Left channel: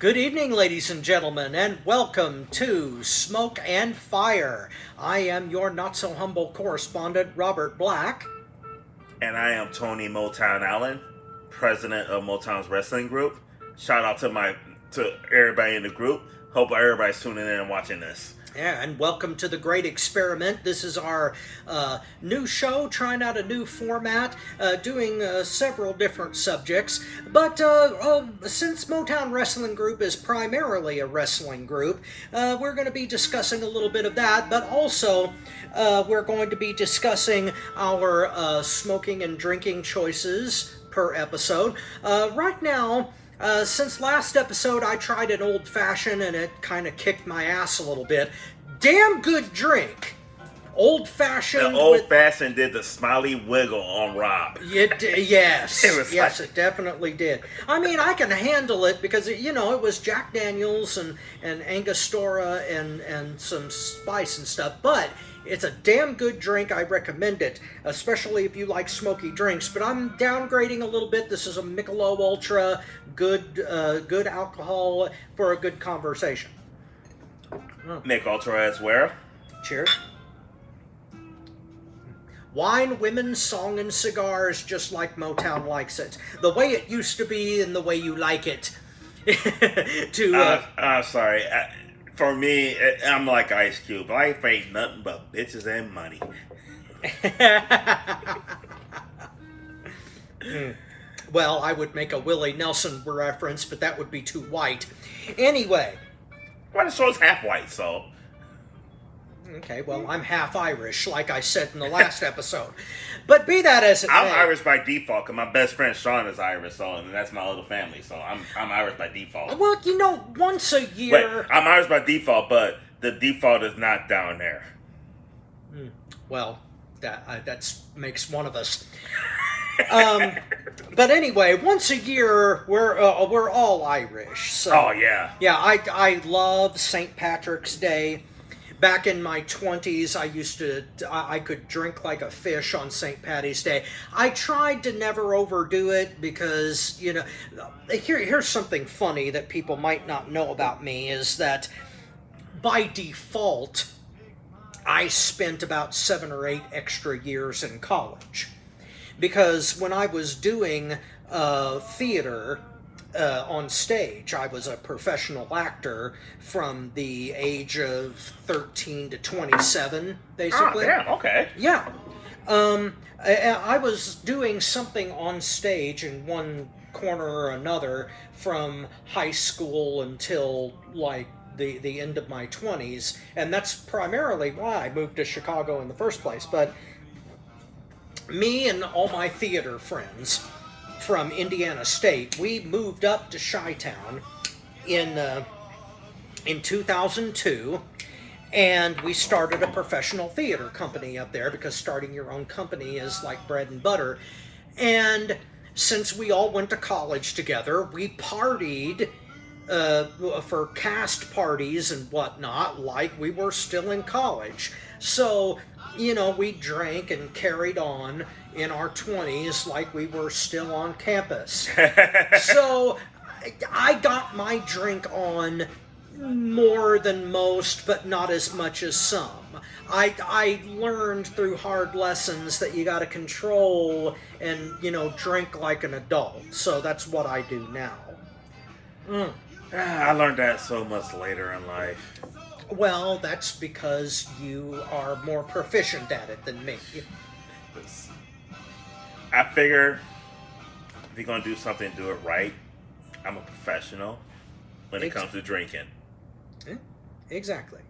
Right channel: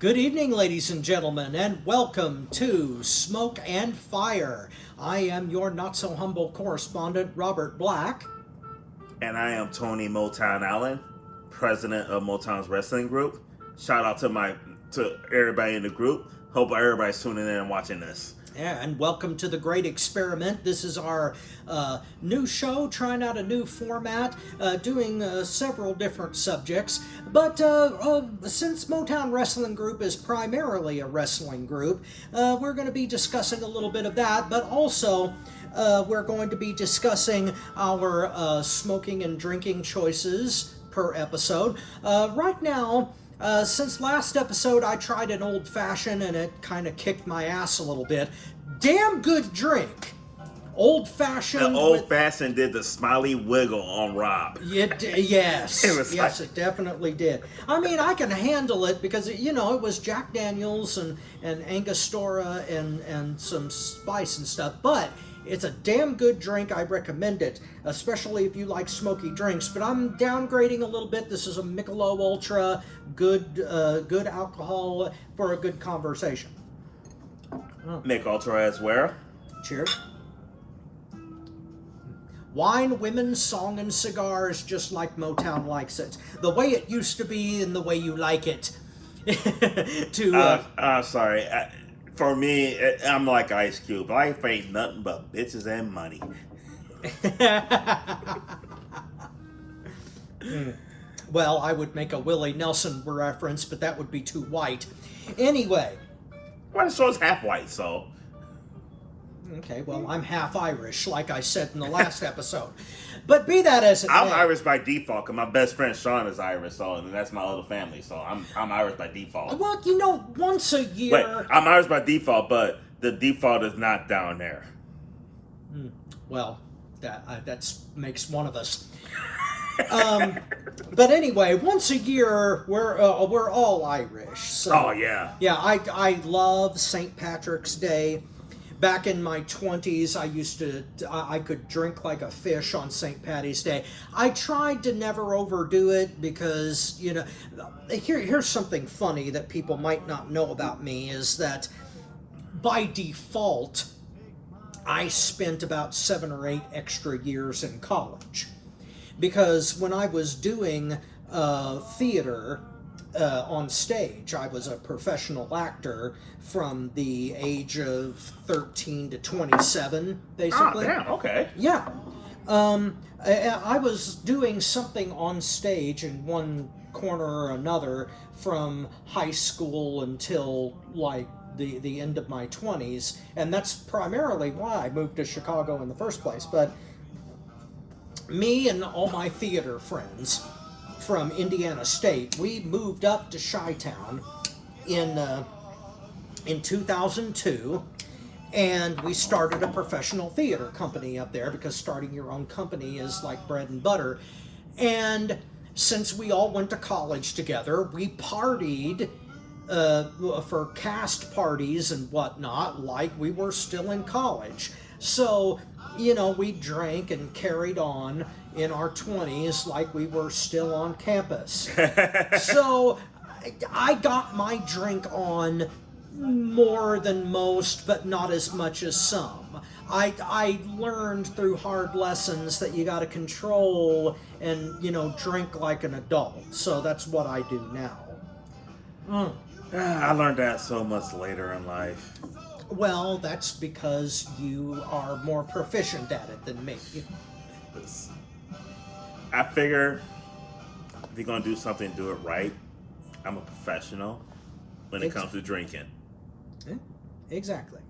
Good evening, ladies and gentlemen, and welcome to Smoke and Fire. I am your not so humble correspondent, Robert Black. And I am Tony Motown Allen, president of Motown's Wrestling Group. Shout out to everybody in the group. Hope everybody's tuning in and watching this. Yeah, and welcome to the Great Experiment. This is our new show, trying out a new format, doing several different subjects. But since Motown Wrestling Group is primarily a wrestling group, we're going to be discussing a little bit of that, but also we're going to be discussing our smoking and drinking choices per episode. Right now, since last episode, I tried an old-fashioned and it kind of kicked my ass a little bit. Damn good drink. Old-fashioned. The old-fashioned did the smiley wiggle on Rob. Yes. Yes, it definitely did. I mean, I can handle it because, it was Jack Daniels and Angostura and some spice and stuff, but it's a damn good drink. I recommend it, especially if you like smoky drinks. But I'm downgrading a little bit. This is a Michelob Ultra, good alcohol for a good conversation. Nick Ultra as well. Cheers. Wine, women, song, and cigars, just like Motown likes it. The way it used to be and the way you like it. I'm sorry. For me, I'm like Ice Cube. Life ain't nothing but bitches and money. Well, I would make a Willie Nelson reference, but that would be too white. Anyway. Well, the show's half white, so. Okay, well, I'm half Irish, like I said in the last episode. But be that as it may. I'm Irish by default, because my best friend Sean is Irish, so and that's my other family, so I'm Irish by default. Well, once a year... Wait, I'm Irish by default, but the default is not down there. Well, that makes one of us. But anyway, once a year, we're all Irish. So, oh, yeah. Yeah, I love St. Patrick's Day. Back in my 20s, I could drink like a fish on St. Patty's Day. I tried to never overdo it because, here's something funny that people might not know about me is that by default, I spent about 7 or 8 extra years in college. Because when I was doing theater on stage, I was a professional actor from the age of 13 to 27, basically. Oh, damn, okay. Yeah. I was doing something on stage in one corner or another from high school until, like, the end of my 20s, and that's primarily why I moved to Chicago in the first place. But me and all my theater friends from Indiana State, we moved up to Chi-Town in 2002, and we started a professional theater company up there because starting your own company is like bread and butter. And since we all went to college together, we partied for cast parties and whatnot like we were still in college. So, we drank and carried on in our 20s like we were still on campus. So I got my drink on more than most, but not as much as some. I learned through hard lessons that you got to control and, drink like an adult. So that's what I do now. I learned that so much later in life. Well, that's because you are more proficient at it than me. I figure if you're going to do something, do it right. I'm a professional when it comes to drinking. Exactly.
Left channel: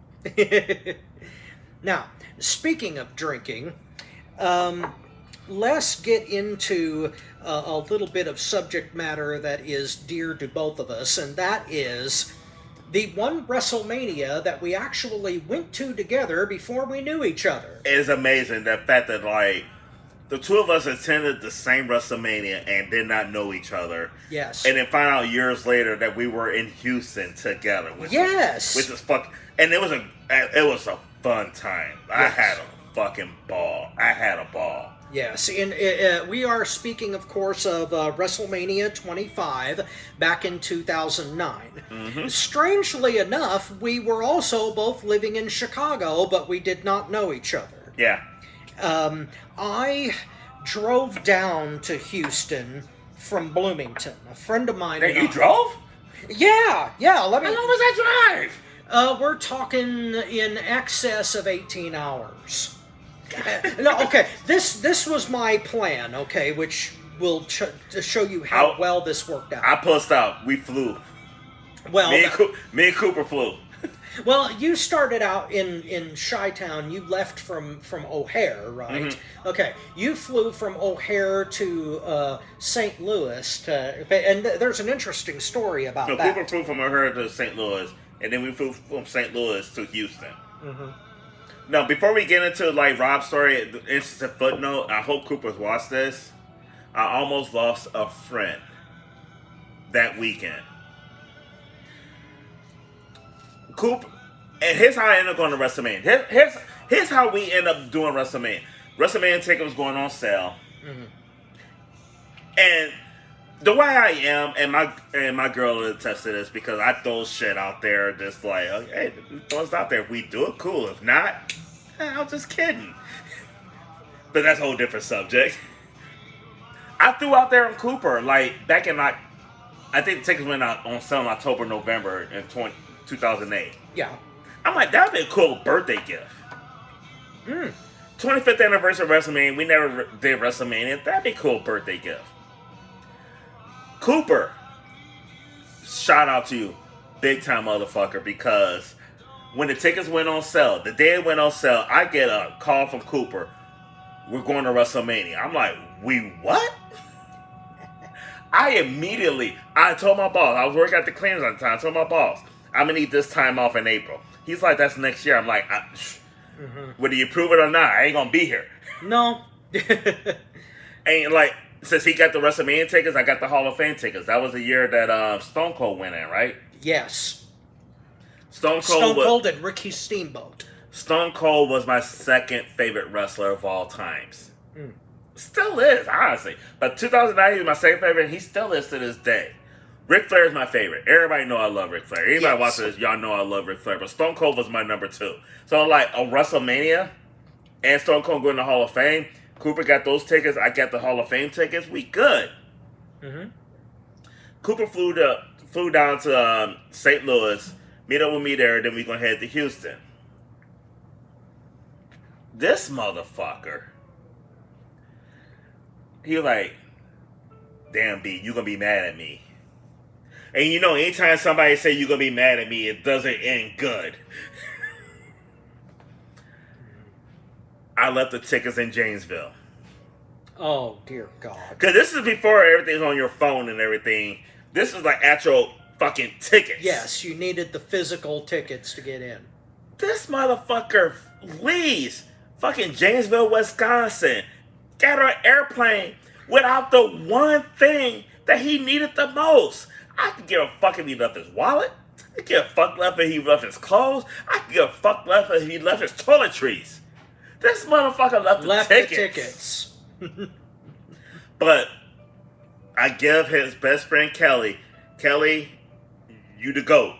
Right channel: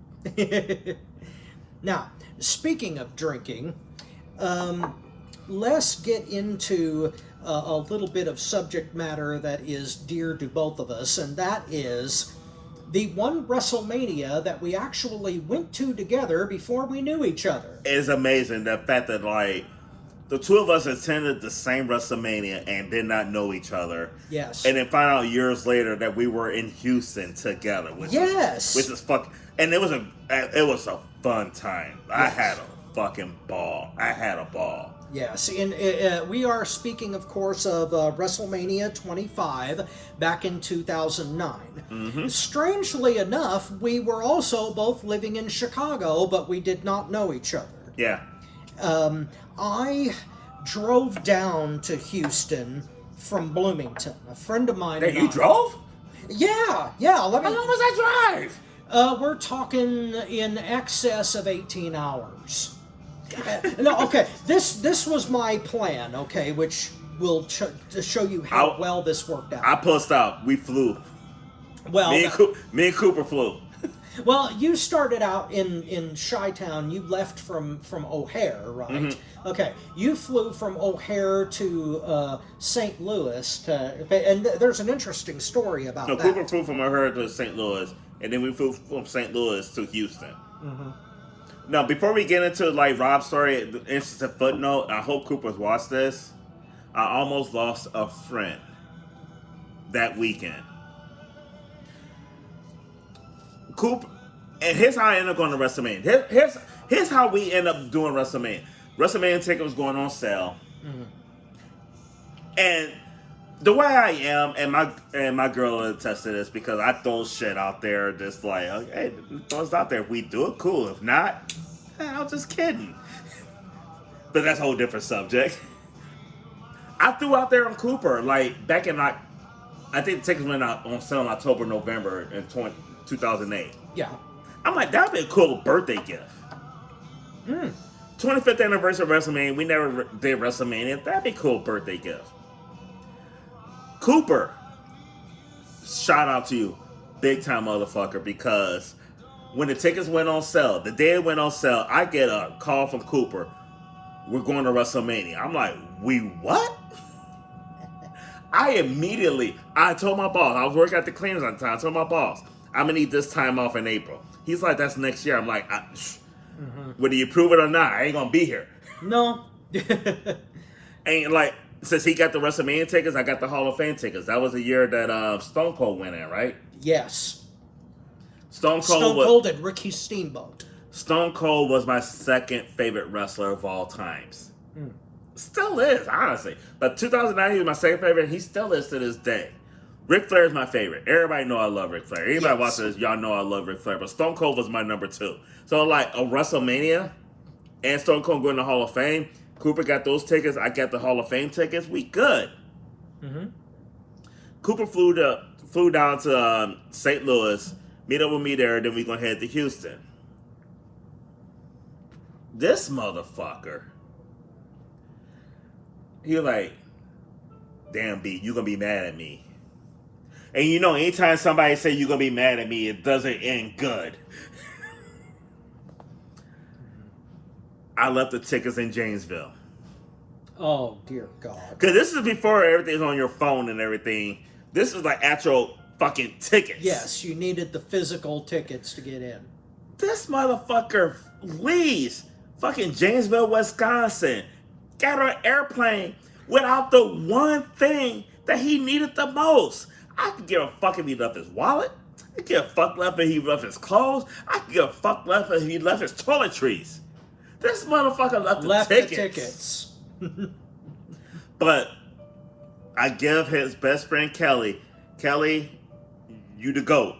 Now, speaking of drinking, let's get into a little bit of subject matter that is dear to both of us, and that is the one WrestleMania that we actually went to together before we knew each other. It's amazing the fact that, like, the two of us attended the same WrestleMania and did not know each other. Yes. And then find out years later that we were in Houston together. Which is fucking... And it was a fun time. I had a fucking ball. I had a ball. Yes, and we are speaking, of course, of WrestleMania 25 back in 2009. Mm-hmm. Strangely enough, we were also both living in Chicago, but we did not know each other. Yeah. I drove down to Houston from Bloomington. A friend of mine. Hey, and you I- drove? Yeah. Let me. How long was that drive? We're talking in excess of 18 hours. No, okay. This was my plan. Okay, which will to show you how well this worked out. I pussed out. We flew. Well, Me and Cooper flew. well, you started out in Chi-Town. You left from O'Hare, right? Mm-hmm. Okay, you flew from O'Hare to St. Louis, and there's an interesting story about No, that. Cooper flew from O'Hare to St. Louis, and then we flew from St. Louis to Houston. Mm-hmm. Now, before we get into like Rob's story, the interesting footnote. I hope Cooper's watched this. I almost lost a friend that weekend. Cooper, and here's how I ended up going to WrestleMania. Here's how we end up doing WrestleMania. WrestleMania ticket was going on sale, and the way I am, and my girl will attest to this because I throw shit out there, just like, hey, throw us out there. If we do it, cool. If not, I'm just kidding. But that's a whole different subject. I threw out there on Cooper, like, back in, like, I think the tickets went out on sale in October, November in 2008. Yeah. I'm like, that'd be a cool birthday gift. 25th anniversary of WrestleMania. We never did WrestleMania. That'd be a cool birthday gift. Cooper, shout out to you, big time motherfucker, because when the tickets went on sale, the day it went on sale, I get a call from Cooper. We're going to WrestleMania. I'm like, we what? I told my boss, I was working at the cleaners at the time, I told my boss, I'm going to need this time off in April. He's like, that's next year. I'm like, whether you prove it or not, I ain't going to be here. No. And like, since he got the WrestleMania tickets, I got the Hall of Fame tickets. That was the year that Stone Cold went in, right? Yes. Stone Stone Cold and Ricky Steamboat. Stone Cold was my second favorite wrestler of all times. Still is, honestly. But 2009, he was my second favorite, and he still is to this day. Ric Flair is my favorite. Everybody know I love Ric Flair. Anybody watching this, y'all know I love Ric Flair. But Stone Cold was my number 2. So, like, a WrestleMania and Stone Cold going to Hall of Fame, Cooper got those tickets, I got the Hall of Fame tickets, we good. Cooper flew down to St. Louis, meet up with me there, then we gonna head to Houston. This motherfucker, he like, damn B, you gonna be mad at me. And you know, anytime somebody say you gonna be mad at me, it doesn't end good. I left the tickets in Janesville. Oh, dear God. Because this is before everything's on your phone and everything. This is like actual fucking tickets. Yes, you needed the physical tickets to get in. This motherfucker leaves fucking Janesville, Wisconsin, got on an airplane without the one thing that he needed the most. I could give a fuck if he left his wallet. I could give a fuck left if he left his clothes. I could give a fuck left if he left his toiletries. This motherfucker left the tickets. But I give his best friend Kelly, you the GOAT.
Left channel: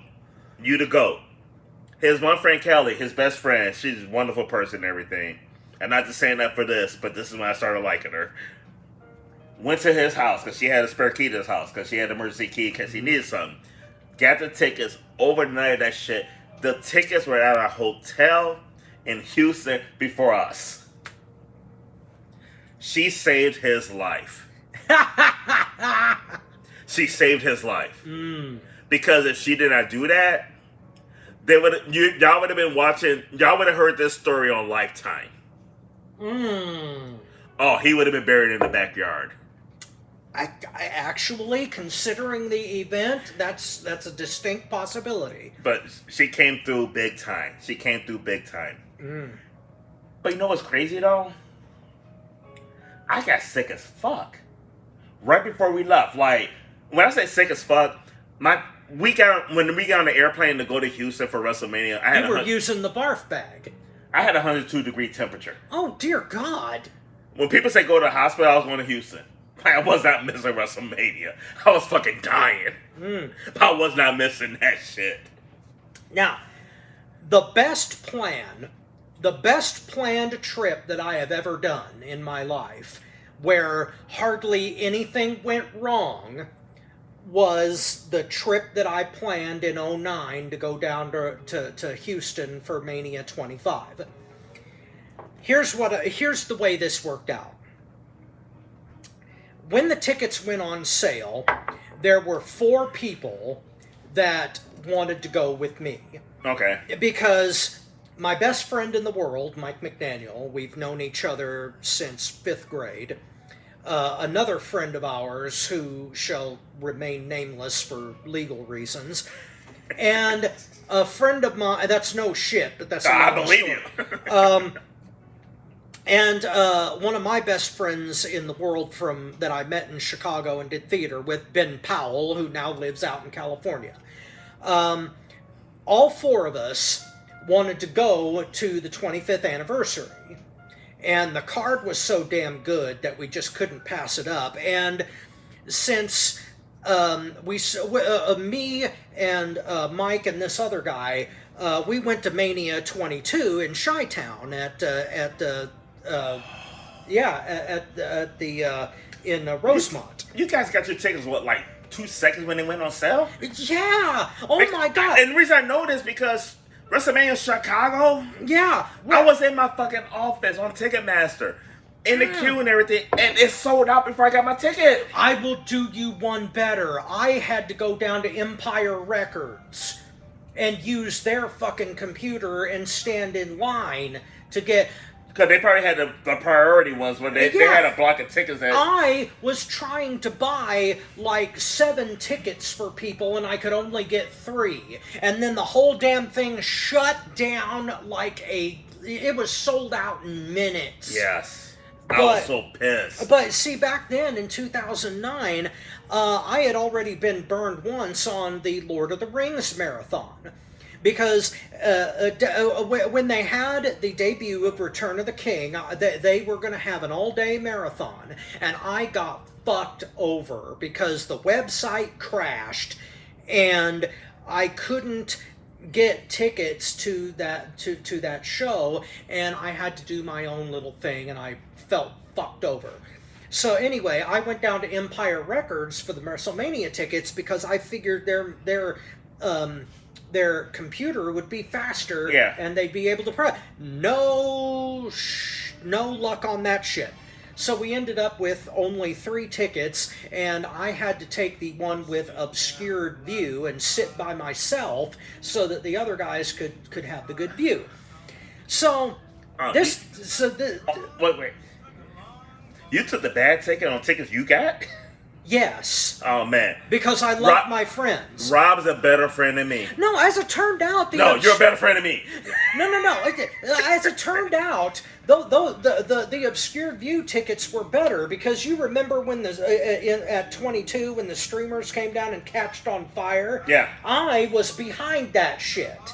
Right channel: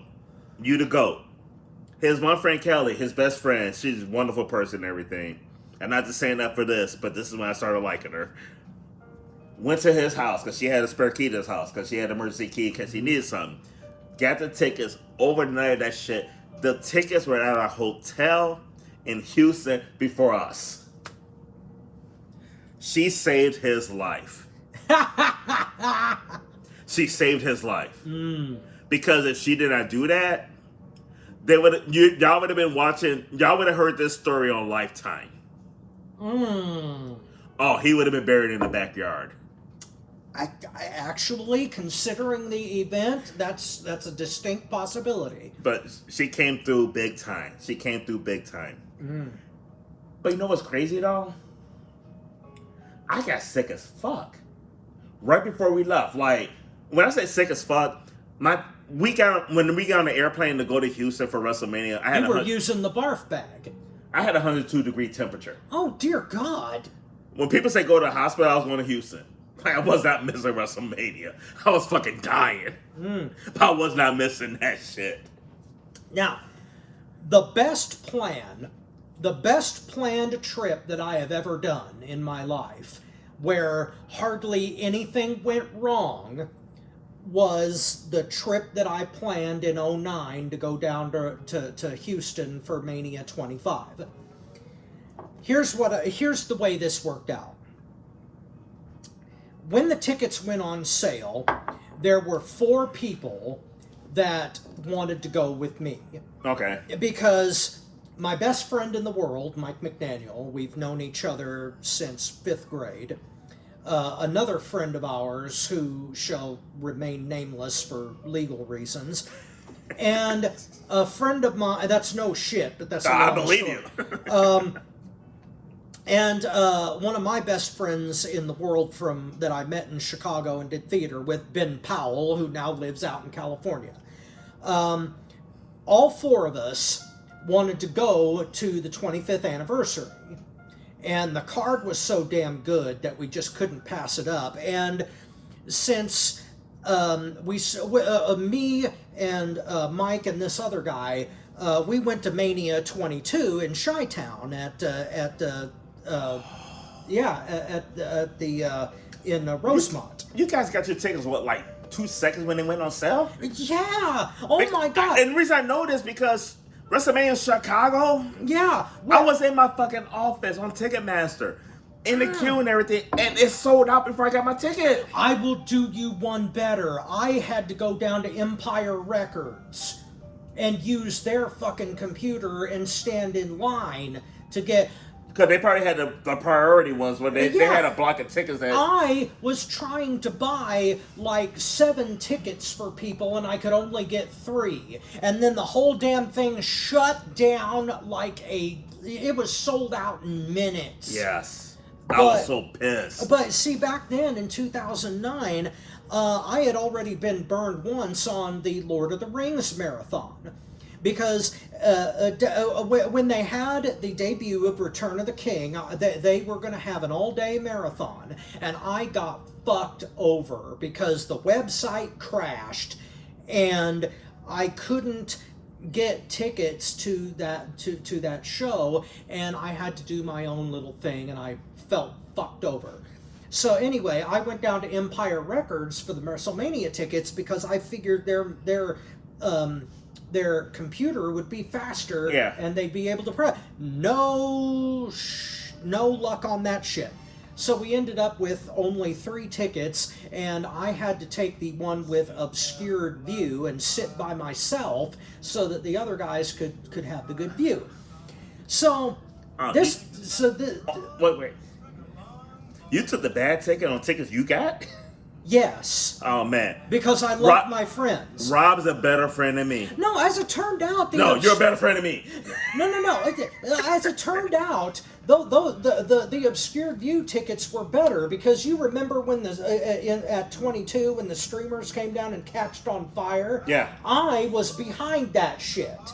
You the GOAT. His one friend Kelly, his best friend, she's a wonderful person and everything. I'm not just saying that for this, but this is when I started liking her. Went to his house because she had a spare key to his house because she had an emergency key because he needed something. Got the tickets, overnighted that shit. The tickets were at a hotel in Houston before us. She saved his life. She saved his life. Because if she did not do that, y'all would have been watching, y'all would have heard this story on Lifetime. Oh, he would have been buried in the backyard. I actually, considering the event, that's a distinct possibility. But she came through big time. But you know what's crazy though? I got sick as fuck right before we left. Like, when I say sick as fuck, when we got on the airplane to go to Houston for WrestleMania, You were using the barf bag. I had a 102-degree temperature. Oh, dear God. When people say go to the hospital, I was going to Houston. Like, I was not missing WrestleMania. I was fucking dying. I was not missing that shit. Now, the best planned trip that I have ever done in my life, where hardly anything went wrong, was the trip that I planned in 2009 to go down to Houston for Mania 25. Here's the way this worked out. When the tickets went on sale, there were 4 people that wanted to go with me. Okay. Because my best friend in the world, Mike McDaniel, we've known each other since 5th grade. Another friend of ours who shall remain nameless for legal reasons. And a friend of mine, that's no shit, but that's a I long believe story. you. And one of my best friends in the world that I met in Chicago and did theater with, Ben Powell, who now lives out in California. All 4 of us wanted to go to the 25th anniversary. And the card was so damn good that we just couldn't pass it up. And since me and Mike and this other guy, we went to Mania 22 in Chi-Town in Rosemont. You guys got your tickets, what, like 2 seconds when they went on sale? Yeah. Oh my God. And the reason I know this because WrestleMania in Chicago, Yeah. I was in my fucking office on Ticketmaster, in the queue and everything, and it sold out before I got my ticket. I will do you one better. I had to go down to Empire Records and use their fucking computer and stand in line to get... Because they probably had the priority ones when they had a block of tickets that... I was trying to buy like 7 tickets for people and I could only get 3. And then the whole damn thing shut down it was sold out in minutes. Yes. I was so pissed. But see, back then in 2009, I had already been burned once on the Lord of the Rings marathon. Because when they had the debut of Return of the King, they were going to have an all-day marathon, and I got fucked over because the website crashed, and I couldn't get tickets to that show, and I had to do my own little thing, and I felt fucked over. So anyway, I went down to Empire Records for the WrestleMania tickets because I figured their computer would be faster, and they'd be able to no luck on that shit. So we ended up with only 3 tickets, and I had to take the one with obscured view and sit by myself so that the other guys could have the good view. So wait. You took the bad ticket on tickets you got? Yes. Oh, man. Because I love my friends. Rob's a better friend than me. No, as it turned out... you're a better friend than me. No. As it turned out, the obscure view tickets were better because you remember when at 22 when the streamers came down and catched on fire? Yeah. I was behind that shit.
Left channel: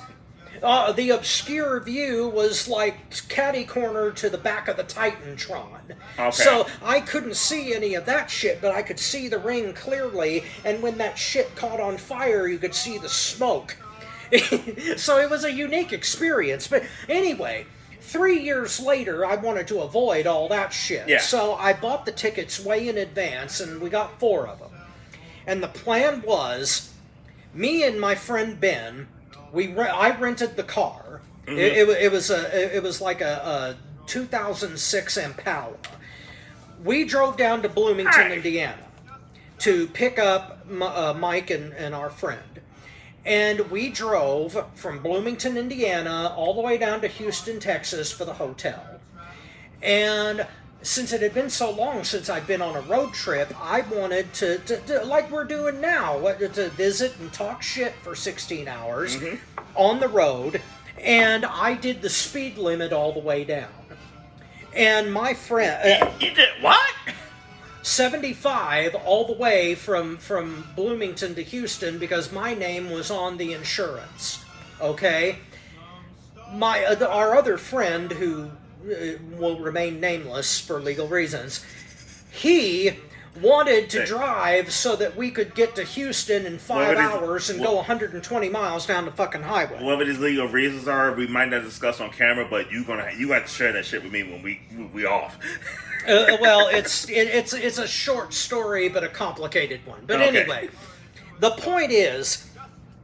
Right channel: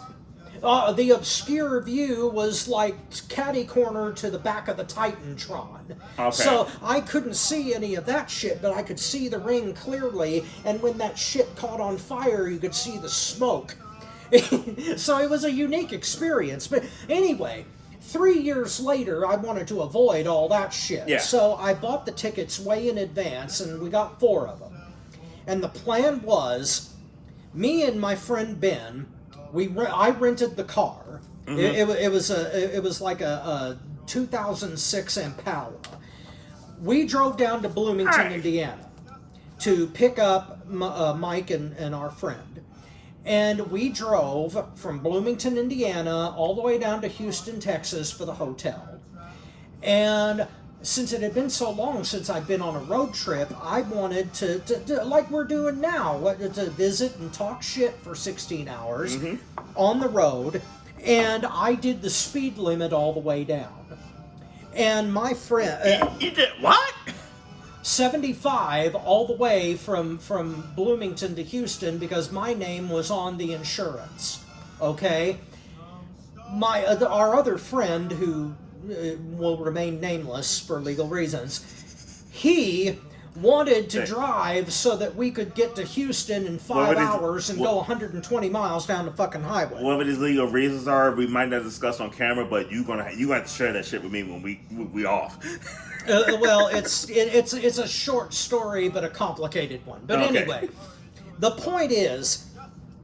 The obscure view was like catty corner to the back of the Titantron. Okay. So I couldn't see any of that shit, but I could see the ring clearly, and when that shit caught on fire, you could see the smoke. So it was a unique experience. But anyway, 3 years later, I wanted to avoid all that shit. Yeah. So I bought the tickets way in advance, and we got 4 of them. And the plan was, me and my friend Ben... I rented the car. Mm-hmm. It was like a 2006 Impala. We drove down to Bloomington, Indiana, to pick up Mike and our friend, and we drove from Bloomington, Indiana, all the way down to Houston, Texas, for the hotel. And since it had been so long since I'd been on a road trip, I wanted to like we're doing now, to visit and talk shit for 16 hours on the road, and I did the speed limit all the way down. And my friend... You did what? 75 all the way from Bloomington to Houston because my name was on the insurance, okay? Our other friend who will remain nameless for legal reasons, he wanted to drive so that we could get to Houston in 5 hours and go 120 miles down the fucking highway. Whatever these legal reasons are, we might not discuss on camera, but you have to share that shit with me when we off. Well, it's a short story, but a complicated one. But Okay. anyway, the point is,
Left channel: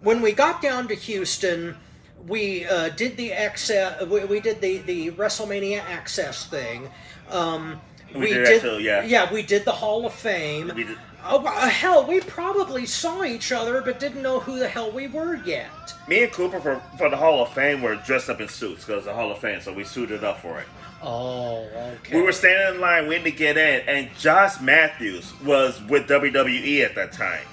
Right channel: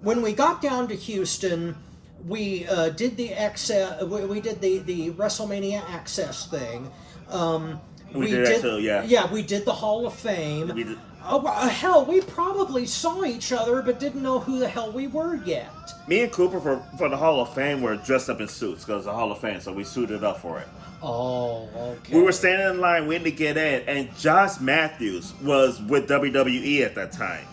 when we got down to Houston, we did the we did the WrestleMania Access thing. We did that too, yeah. Yeah, we did the Hall of Fame. We did. Oh, hell, we probably saw each other, but didn't know who the hell we were yet. Me and Cooper for the Hall of Fame were dressed up in suits because the Hall of Fame, so we suited up for it. Oh, okay. We were standing in line waiting to get in, and Josh Matthews was with WWE at that time.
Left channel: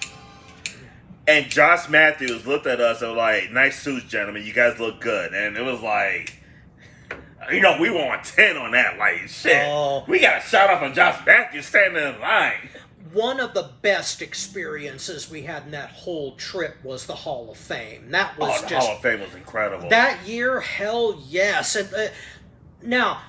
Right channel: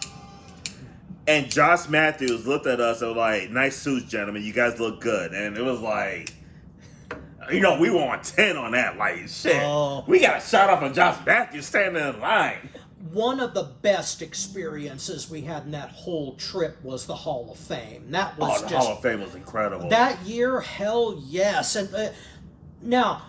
And Josh Matthews looked at us and was like, "Nice suits, gentlemen. You guys look good." And it was like, we were on 10 on that. Like, shit. Oh. We got a shout out from Josh Matthews standing in line. One of the best experiences we had in that whole trip was the Hall of Fame. That was The Hall of Fame was incredible. that year, hell yes. And now,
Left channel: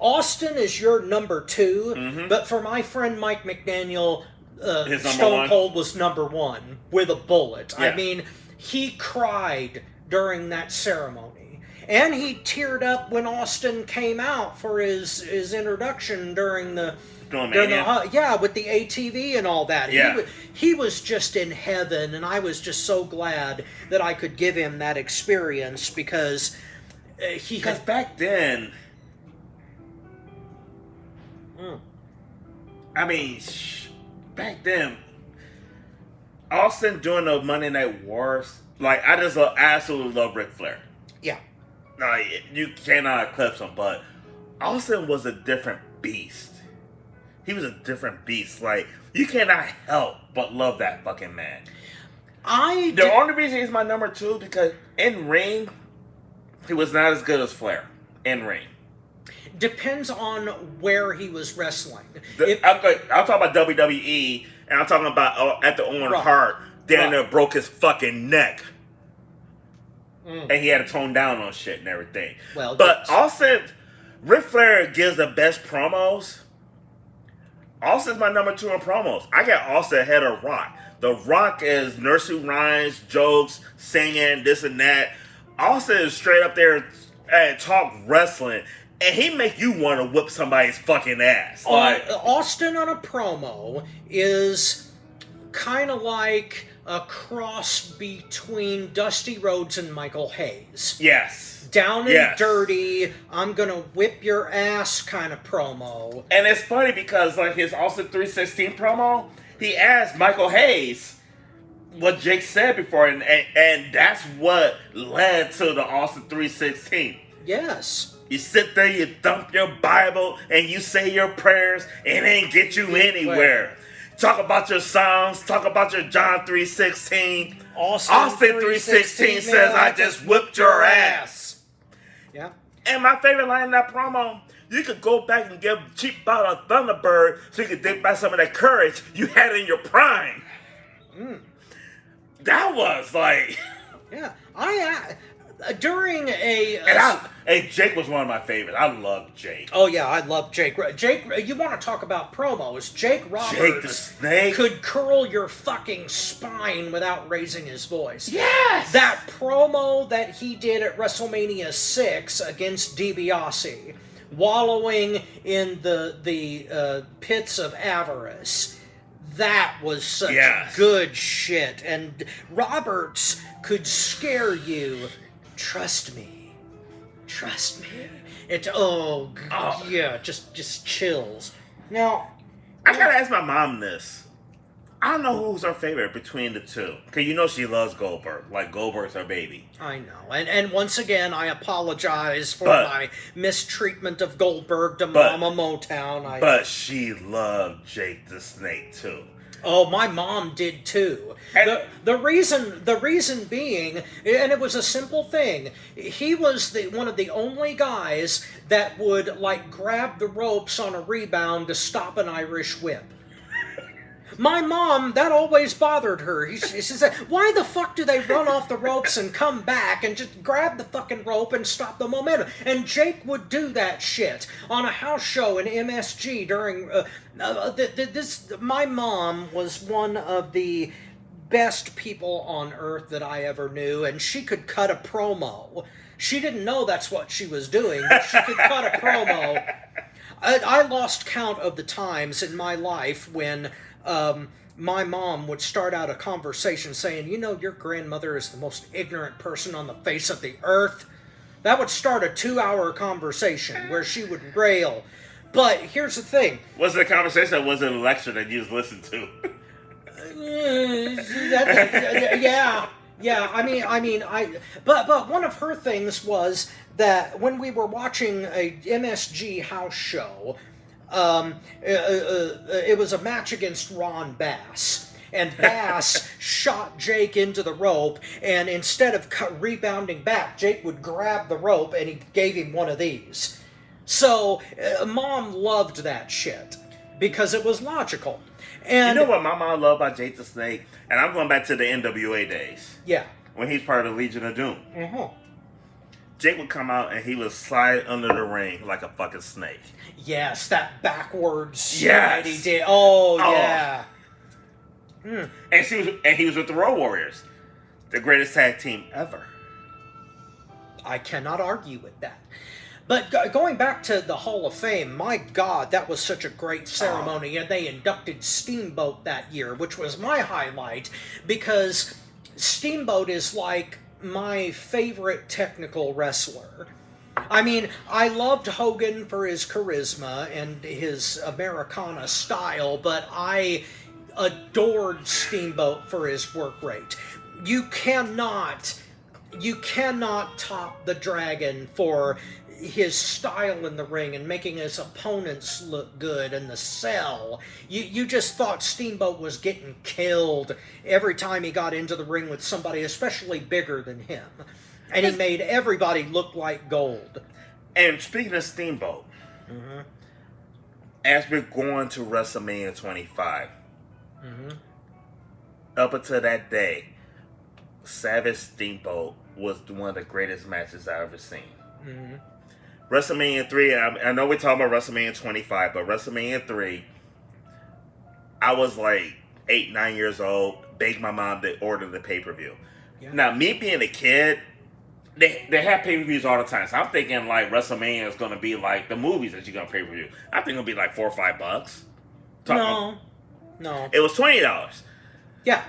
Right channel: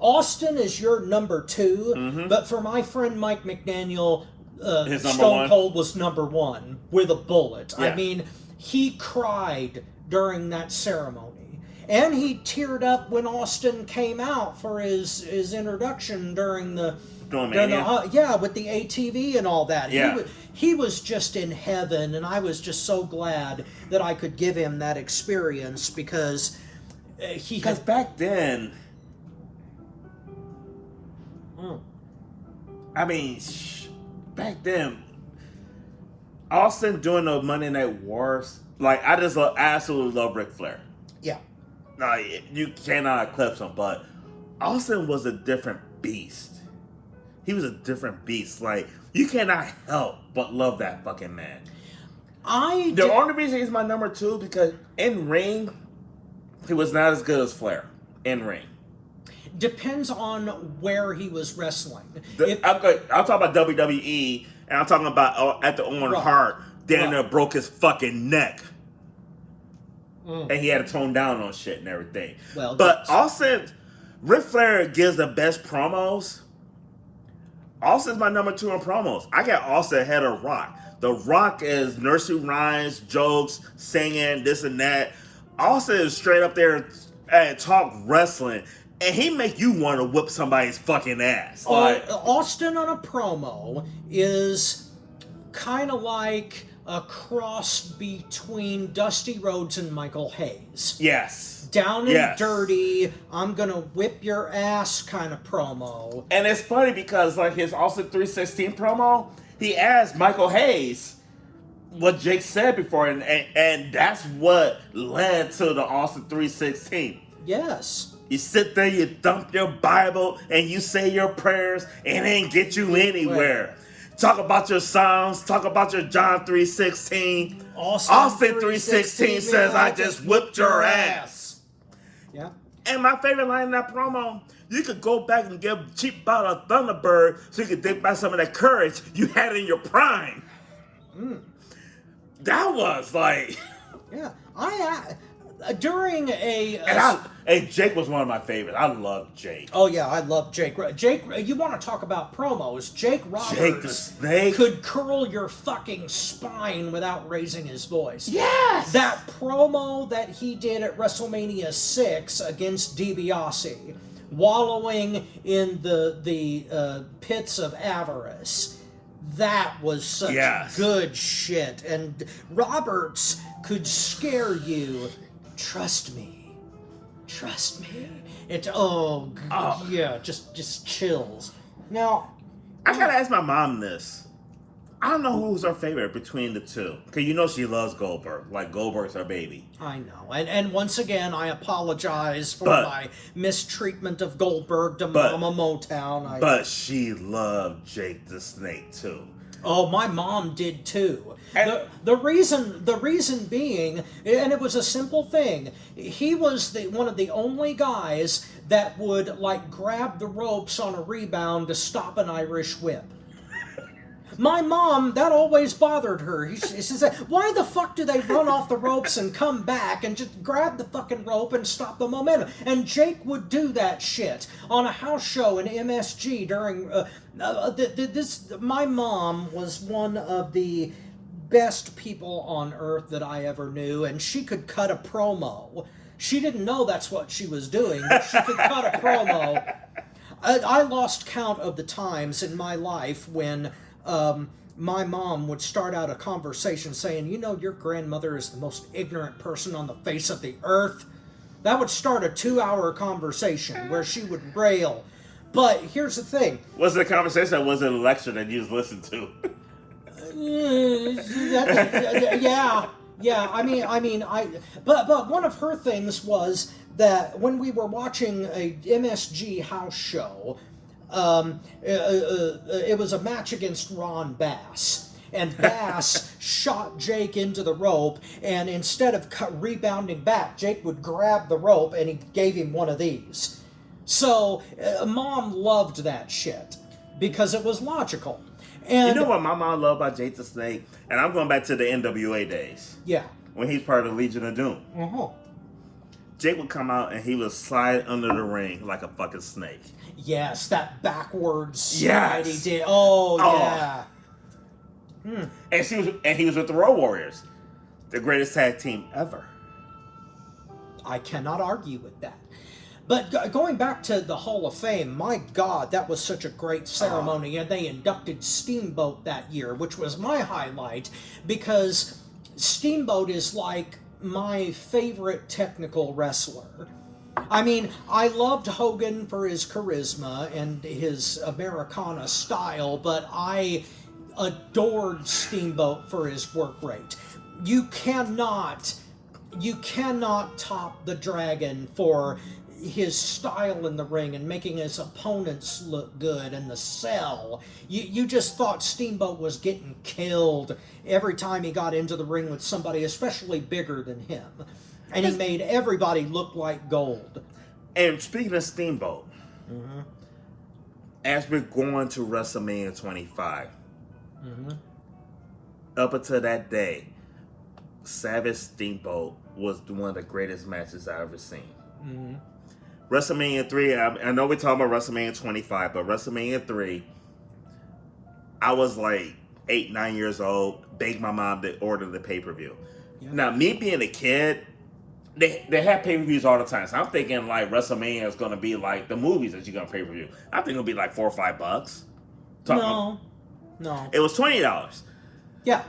Austin is your number 2, but for my friend Mike McDaniel, His number Stone one? Cold was number 1 with a bullet. Yeah. I mean, he cried during that ceremony. And he teared up when Austin came out for his introduction during the with the ATV and all that. Yeah. He was just in heaven, and I was just so glad that I could give him that experience because Because back then, I mean, back then, Austin doing the Monday Night Wars, like, I just absolutely love Ric Flair. Yeah. Like, you cannot eclipse him, but Austin was a different beast. He was a different beast. Like, you cannot help but love that fucking man. The only reason he's my number 2 because in ring, he was not as good as Flair. In ring. Depends on where he was wrestling. I'm talking about WWE, and I'm talking about at the Owen Hart. There broke his fucking neck. And he had to tone down on shit and everything. Well, but Austin, Ric Flair gives the best promos. Austin's my number 2 in promos. I got Austin ahead of Rock. The Rock is nursery rhymes, jokes, singing, this and that. Austin is straight up there and talk wrestling. And he make you want to whip somebody's fucking ass. Like, Austin on a promo is kind of like a cross between Dusty Rhodes and Michael Hayes. Yes. Down and dirty, I'm gonna whip your ass kind of promo. And it's funny because like his Austin 316 promo, he asked Michael Hayes what Jake said before, and that's what led to the Austin 316. Yes. You sit there, you dump your Bible, and you say your prayers, and it ain't get you anywhere. Talk about your Psalms, talk about your John 3:16. Austin 3:16 says, I just whipped your ass. Yeah. And my favorite line in that promo, you could go back and give cheap bottle of Thunderbird so you could take back some of that courage you had in your prime. That was like... Yeah. During a... And Jake was one of my favorites. I love Jake. Oh, yeah, I love Jake. Jake, you want to talk about promos. Jake Roberts Jake the Snake could curl your fucking spine without raising his voice. Yes! That promo that he did at WrestleMania 6 against DiBiase, wallowing in the pits of avarice, that was such good shit. And Roberts could scare you. Trust me. Trust me. Just chills. Now, I gotta ask my mom this. I don't know who's her favorite between the two. Because you know she loves Goldberg. Like, Goldberg's her baby. I know. And once again, I apologize for my mistreatment of Goldberg to Mama Motown. But she loved Jake the Snake, too. Oh, my mom did too. The reason being, and it was a simple thing. He was one of the only guys that would like grab the ropes on a rebound to stop an Irish whip. My mom, that always bothered her. She said, why the fuck do they run off the ropes and come back and just grab the fucking rope and stop the momentum? And Jake would do that shit on a house show in MSG during... my mom was one of the best people on earth that I ever knew, and she could cut a promo. She didn't know that's what she was doing, but she could cut a promo. I lost count of the times in my life when my mom would start out a conversation saying, you know, your grandmother is the most ignorant person on the face of the earth. That would start a 2-hour conversation where she would rail. But here's the thing. Was it a conversation or was it a lecture that you just listened to? Yeah. But one of her things was that when we were watching a MSG house show, it was a match against Ron Bass. And Bass shot Jake into the rope, and instead of rebounding back, Jake would grab the rope and he gave him one of these. So, Mom loved that shit because it was logical. And you know what my mom loved about Jake the Snake? And I'm going back to the NWA days. Yeah. When he's part of the Legion of Doom. Uh-huh. Jake would come out and he would slide under the ring like a fucking snake. Yes, that backwards Yes. slide he did. Oh, yeah. And he was with the Road Warriors, the greatest tag team ever. I cannot argue with that. But going back to the Hall of Fame, my God, that was such a great ceremony. And they inducted Steamboat that year, which was my highlight, because Steamboat is like my favorite technical wrestler. I mean, I loved Hogan for his charisma and his Americana style, but I adored Steamboat for his work rate. You cannot top the Dragon for his style in the ring and making his opponents look good and the sell. You just thought Steamboat was getting killed every time he got into the ring with somebody especially bigger than him. And he made everybody look like gold. And speaking of Steamboat, as we're going to WrestleMania 25, up until that day, Savage Steamboat was one of the greatest matches I've ever seen. WrestleMania 3, I know we're talking about WrestleMania 25, but WrestleMania 3, I was like 8, 9 years old, begged my mom to order the pay-per-view. Yeah. Now, me being a kid, they have pay-per-views all the time, so I'm thinking like WrestleMania is going to be like the movies that you're going to pay-per-view. I think it'll be like $4 or $5. No. It was $20. Yeah.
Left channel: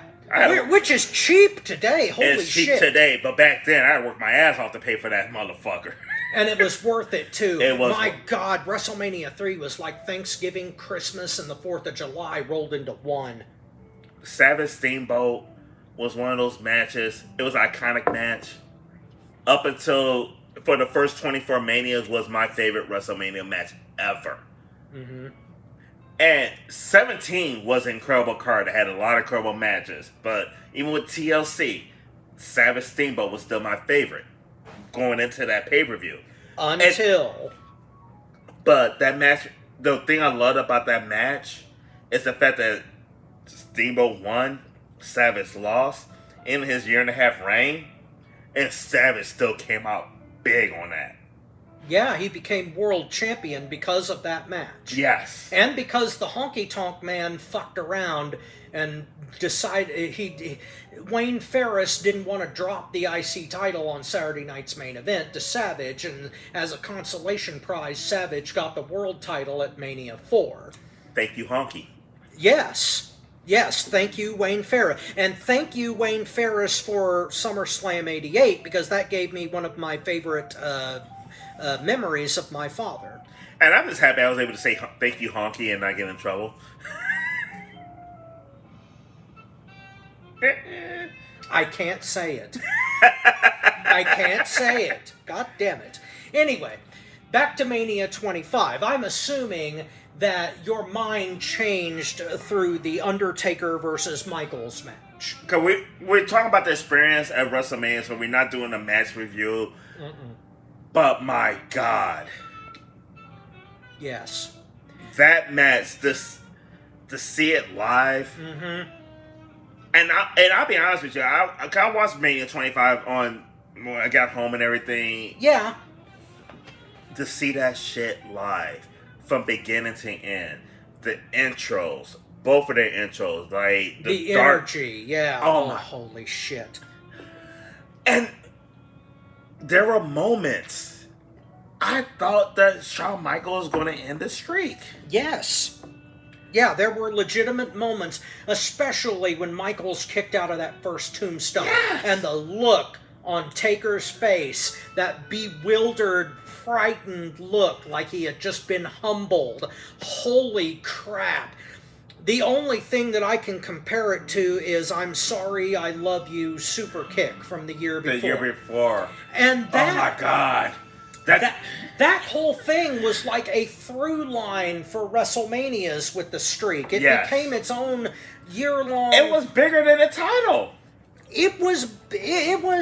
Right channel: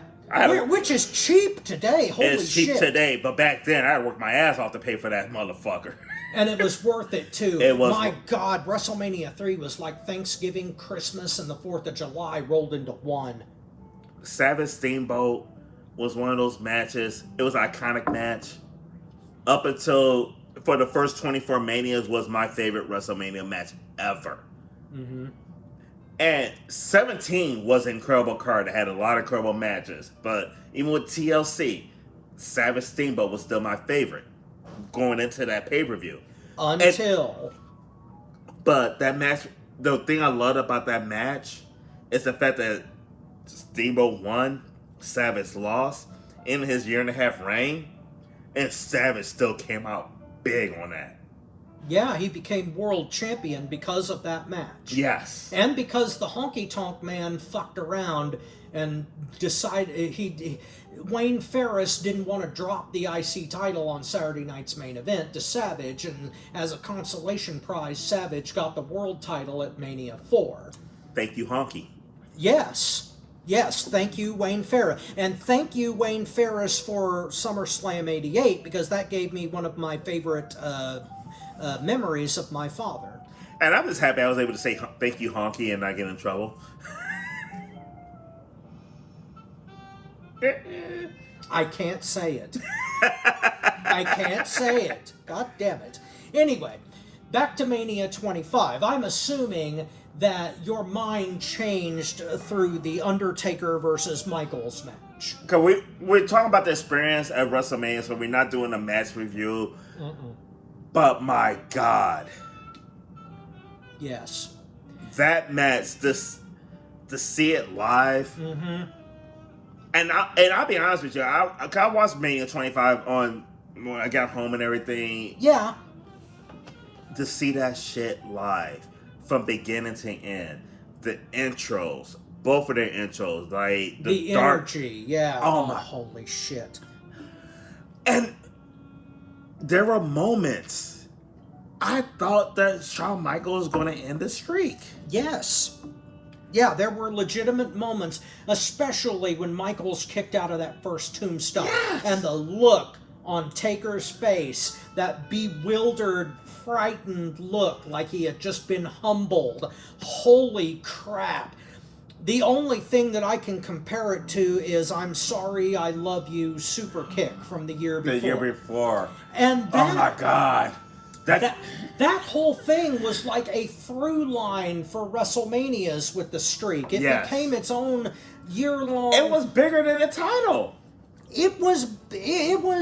Which is cheap today. Holy shit. It's cheap today, but back then I had to work my ass off to pay for that motherfucker. And it was worth it too. It was. My God, WrestleMania 3 was like Thanksgiving, Christmas, and the 4th of July rolled into one. Savage Steamboat was one of those matches. It was an iconic match. Up until, for the first 24 Manias, was my favorite WrestleMania match ever. And 17 was an incredible card. It had a lot of incredible matches. But even with TLC, Savage Steamboat was still my favorite going into that pay-per-view. But that match, the thing I loved about that match is the fact that Steamboat won, Savage lost in his 1.5-year reign, and Savage still came out big on that. Yeah, he became world champion because of that match. Yes. And because the Honky Tonk Man fucked around and decided Wayne Ferris didn't want to drop the IC title on Saturday night's main event to Savage, and as a consolation prize, Savage got the world title at Mania 4. Thank you, Honky. Yes, thank you, Wayne Ferris. And thank you, Wayne Ferris, for SummerSlam 88, because that gave me one of my favorite memories of my father. And I'm just happy I was able to say thank you, Honky, and not get in trouble. I can't say it. I can't say it. God damn it. Anyway, back to Mania 25. I'm assuming that your mind changed through the Undertaker versus Michaels match. Because we're talking about the experience at WrestleMania, so we're not doing a match review. But my God. Yes. That match, the to see it live. Mm-hmm. And I'll be honest with you, I watched Mania 25 on when I got home and everything. Yeah. To see that shit live from beginning to end, the intros, both of their intros, like The dark energy, yeah. Oh my. Holy shit. And there were moments I thought that Shawn Michaels was going to end the streak. Yes. Yeah, there were legitimate moments, especially when Michaels kicked out of that first tombstone. Yes. And the look on Taker's face, that bewildered, frightened look like he had just been humbled. Holy crap. The only thing that I can compare it to is I'm Sorry, I Love You super kick from the year before. The year before. And that, Oh my God. That whole thing was like a through line for WrestleManias with the streak. It Yes. became its own year-long... It was bigger than the title. It was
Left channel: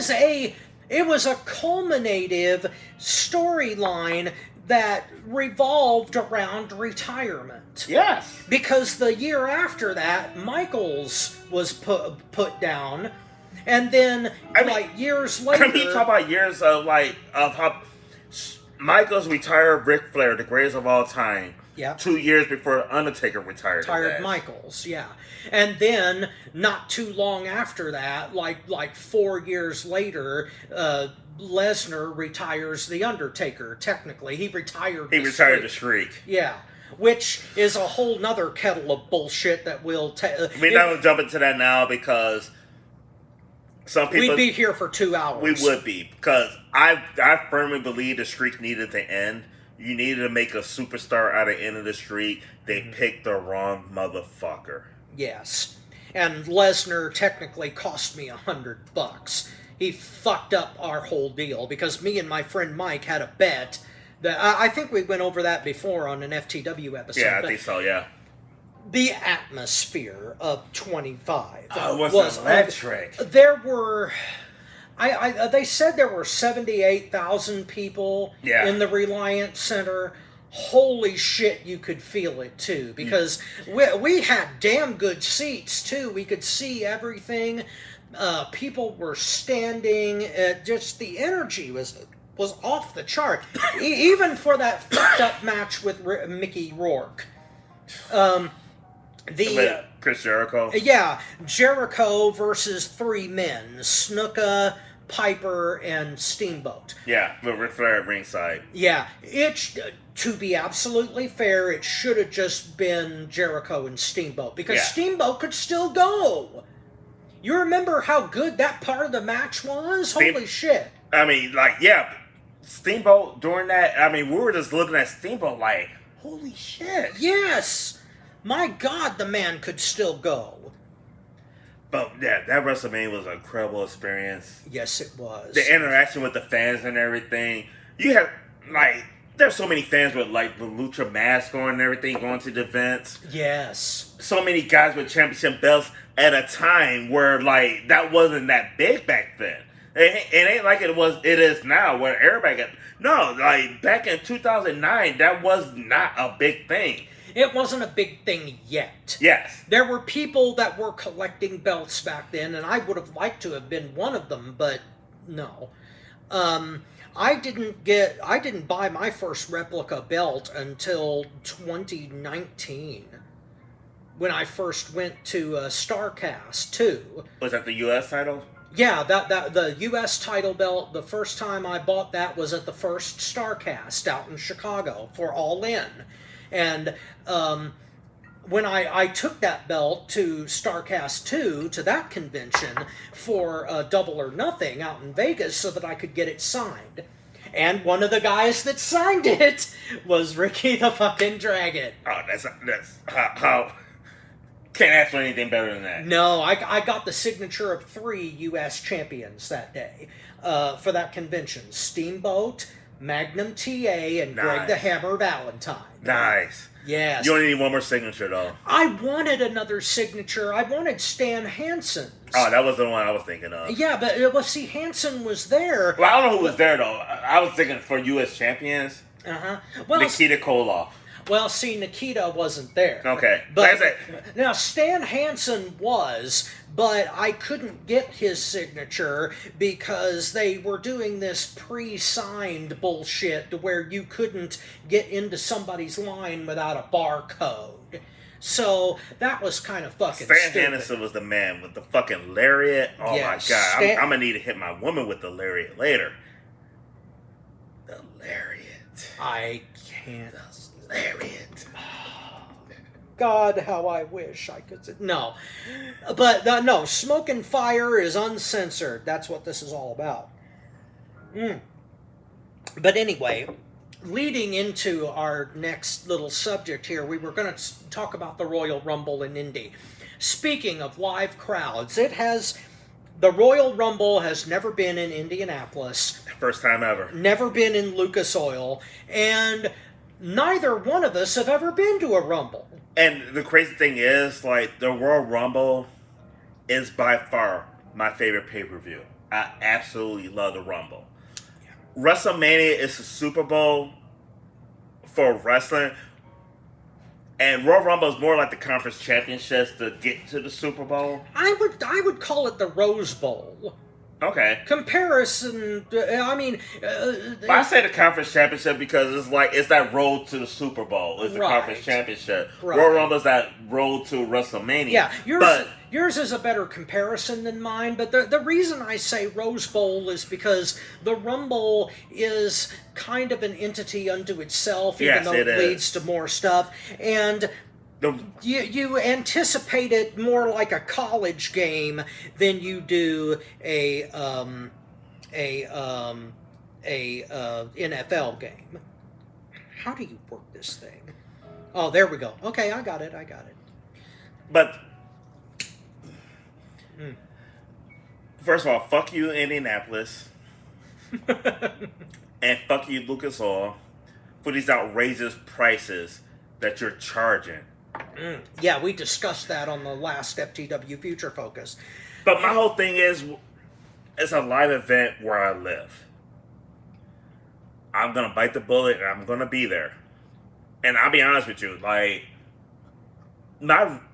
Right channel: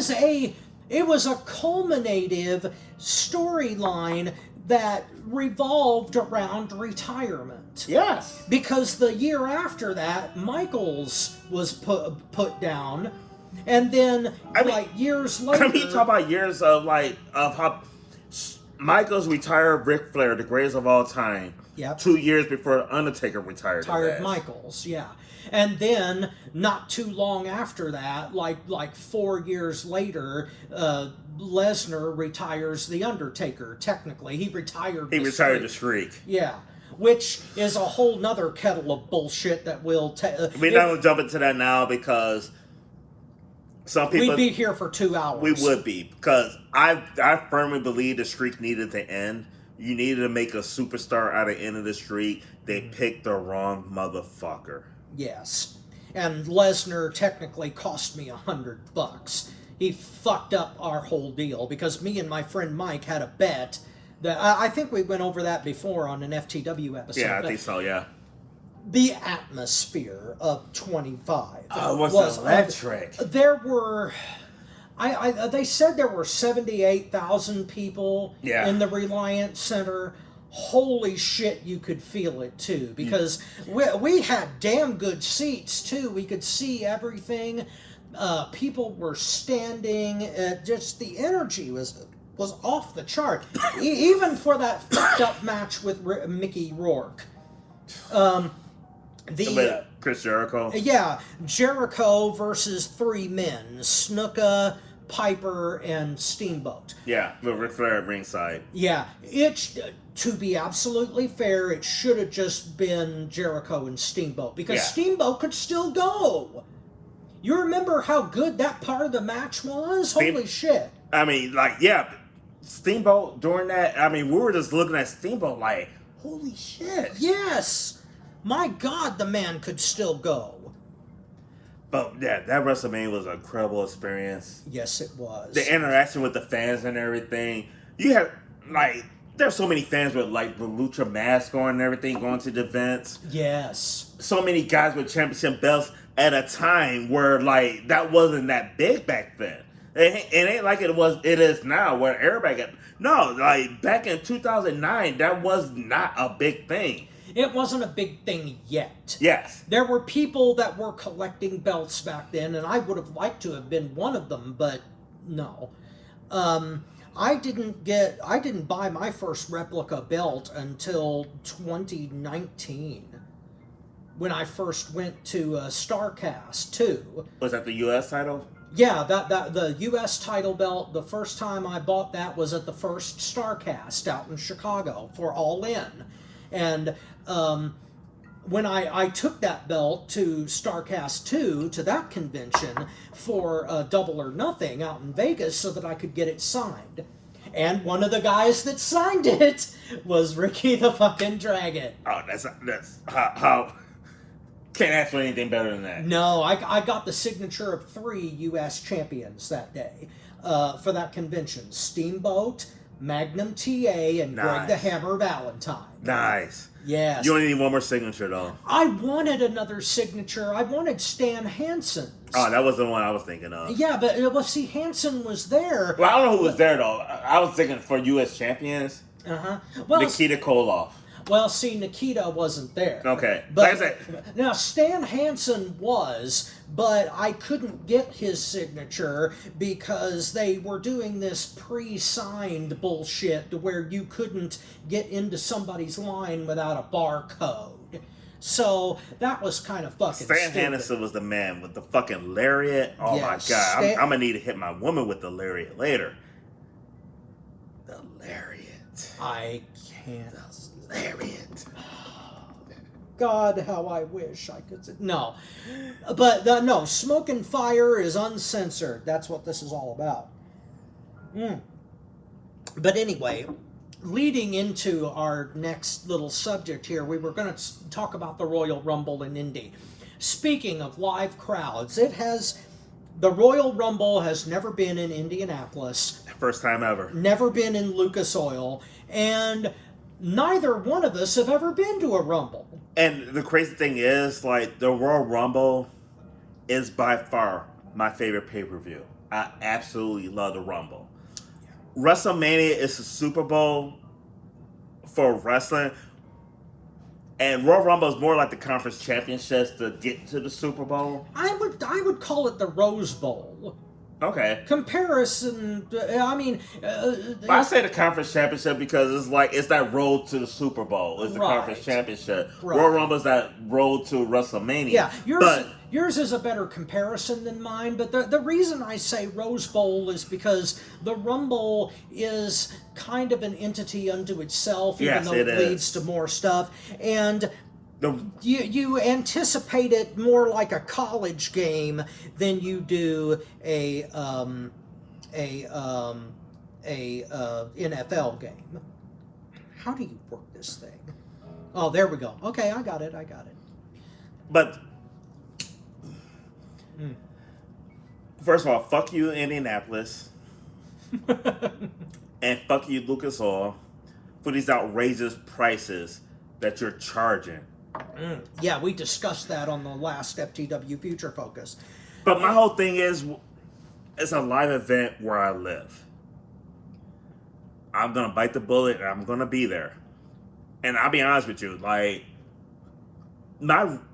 a culminative storyline that revolved around retirement. Yes. Because the year after that, Michaels was put down, and then years later, I mean, talk about years of how Michaels retired Ric Flair, the greatest of all time. Yep. 2 years before Undertaker retired. Michaels, yeah. And then, not too long after that, like 4 years later, Lesnar retires The Undertaker, technically. He retired the streak. Yeah. Which is a whole nother kettle of bullshit that we'll... We're not going to jump into that now because some people... We'd be here for 2 hours. We would be, because I firmly believe the streak needed to end. You needed to make a superstar out of the end of the streak. They picked the wrong motherfucker. Yes. And Lesnar technically cost me $100. He fucked up our whole deal because me and my friend Mike had a bet that I think we went over that before on an FTW episode. Yeah, I think so, yeah. The atmosphere of 25 was electric. There were... they said there were 78,000 people in the Reliance Center. Holy shit, you could feel it too, because we had damn good seats too. We could see everything. People were standing. Just the energy was off the chart. Even for that fucked up match with Mickey Rourke. Chris Jericho? Yeah, Jericho versus 3 men. Snuka, Piper, and Steamboat. Yeah, the Ric Flair at ringside. Yeah, to be absolutely fair, it should have just been Jericho and Steamboat, because Steamboat could still go. You remember how good that part of the match was? Holy shit. I mean, Steamboat during that, we were just looking at Steamboat like, holy shit. Yes. My God, the man could still go. But yeah, that WrestleMania was an incredible experience. Yes, it was. The interaction with the fans and everything. You have, there's so many fans with, the Lucha mask on and everything going to the events. Yes. So many guys with championship belts at a time where, that wasn't that big back then. It ain't like it is now where everybody got... No, back in 2009, that was not a big thing. It wasn't a big thing yet. Yes. There were people that were collecting belts back then, and I would have liked to have been one of them, but no. I didn't buy my first replica belt until 2019, when I first went to StarCast 2. Was that the U.S. title? Yeah, that the U.S. title belt, the first time I bought that was at the first StarCast out in Chicago for All In. And when I took that belt to StarCast 2, to that convention, for Double or Nothing out in Vegas so that I could get it signed. And one of the guys that signed it was Ricky the fucking Dragon. Oh, that's how... Can't ask for anything better than that. No, I got the signature of 3 U.S. champions that day for that convention. Steamboat, Magnum TA, and Greg the Hammer Valentine. Nice. Yes. You only need one more signature, though. I wanted another signature. I wanted Stan Hansen's. Oh, that was the one I was thinking of. Yeah, but see, Hansen was there. Well, I don't know who was there, though. I was thinking for U.S. champions. Uh-huh. Well, Nikita Koloff. Well, see, Nikita wasn't there. Okay. But Like I said, now Stan Hansen was, but I couldn't get his signature because they were doing this pre-signed bullshit to where you couldn't get into somebody's line without a barcode. So that was kind of fucking Stan stupid. Hansen was the man with the fucking lariat. Oh Yes, my god. Stan- I'm gonna need to hit my woman with the lariat later. The lariat. I can't. The lariat. God, how I wish I could say. No. But no, Smoke and Fire is uncensored. That's what this is all about. But anyway, leading into our next little subject here, we were going to talk about the Royal Rumble in Indy. Speaking of live crowds, the Royal Rumble has never been in Indianapolis, First time ever. never been in Lucas Oil, and neither one of us have ever been to a Rumble. And the crazy thing is, like, the Royal Rumble is by far my favorite pay-per-view. I absolutely love the Rumble. WrestleMania is the Super Bowl for wrestling, and Royal Rumble is more like the conference championships to get to the Super Bowl. I would call it the Rose Bowl. Okay. Comparison, I mean... But I say the conference championship because it's that road to the Super Bowl. It's the Right. conference championship. Right. Royal Rumble is that road to WrestleMania. Yeah, but yours is a better comparison than mine, but the reason I say Rose Bowl is because the Rumble is kind of an entity unto itself, even Yes, though it it leads is. to more stuff. And you anticipate it more like a college game than you do a NFL game. How do you work this thing? Oh, there we go. Okay, I got it. But first of all, fuck you, Indianapolis, and fuck you, Lucas Oil, for these outrageous prices that you're charging. Yeah, we discussed that on the last FTW Future Focus. But my whole thing is, it's a live event where I live. I'm gonna bite the bullet and I'm gonna be there. And I'll be honest with you, like,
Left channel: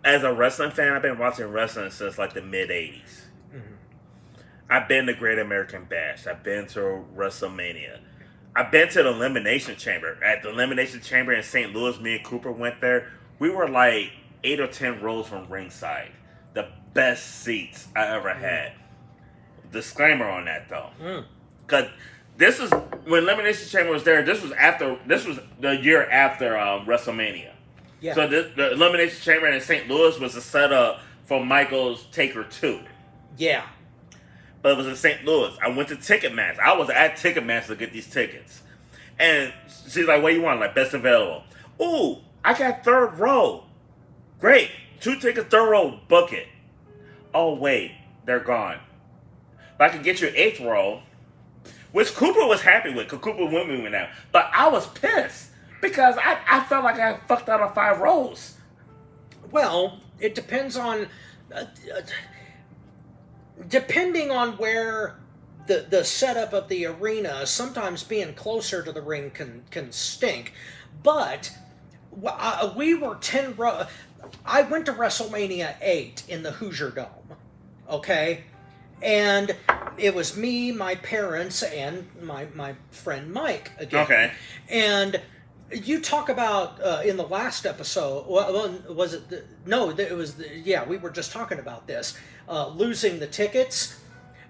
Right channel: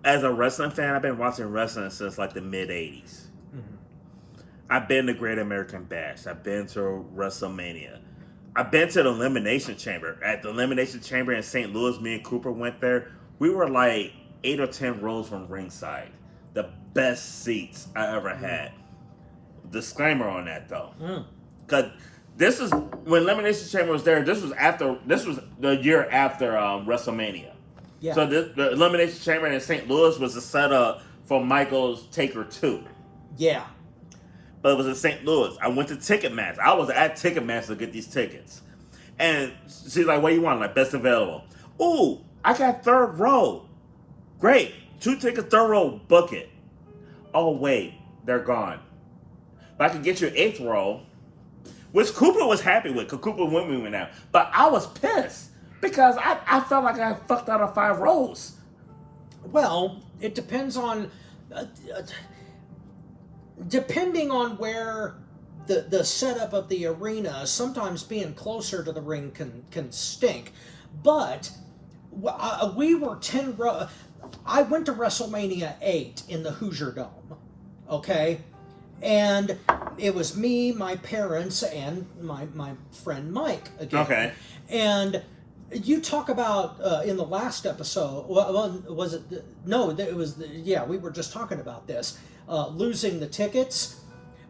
as a wrestling fan, I've been watching wrestling since like the mid '80s. I've been to Great American Bash. I've been to WrestleMania. I've been to the Elimination Chamber. At the Elimination Chamber in St. Louis, me and Cooper went there. We were like 8 or 10 rows from ringside. The best seats I ever had. Disclaimer on that though. Because this is, when Elimination Chamber was there, this was the year after WrestleMania. Yeah. So the Elimination Chamber in St. Louis was a setup for Michael's Taker 2. Yeah. But it was in St. Louis. I went to Ticketmaster. I was at Ticketmaster to get these tickets. And she's like, what do you want? Like, best available. Ooh, I got third row. Great. 2 tickets, third row, book it. Oh, wait, they're gone. But I could get you 8th row, which Cooper was happy with, because Cooper went with me now. But I was pissed, because I felt like I fucked out of 5 rows. Well, it depends on... depending on where the setup of the arena, sometimes being closer to the ring can stink. But we were 10 row. I went to WrestleMania 8 in the Hoosier Dome, okay? And it was me, my parents, and my friend Mike again. Okay. And you talk about in the last episode, was it? It was. We were just talking about this. Losing the tickets.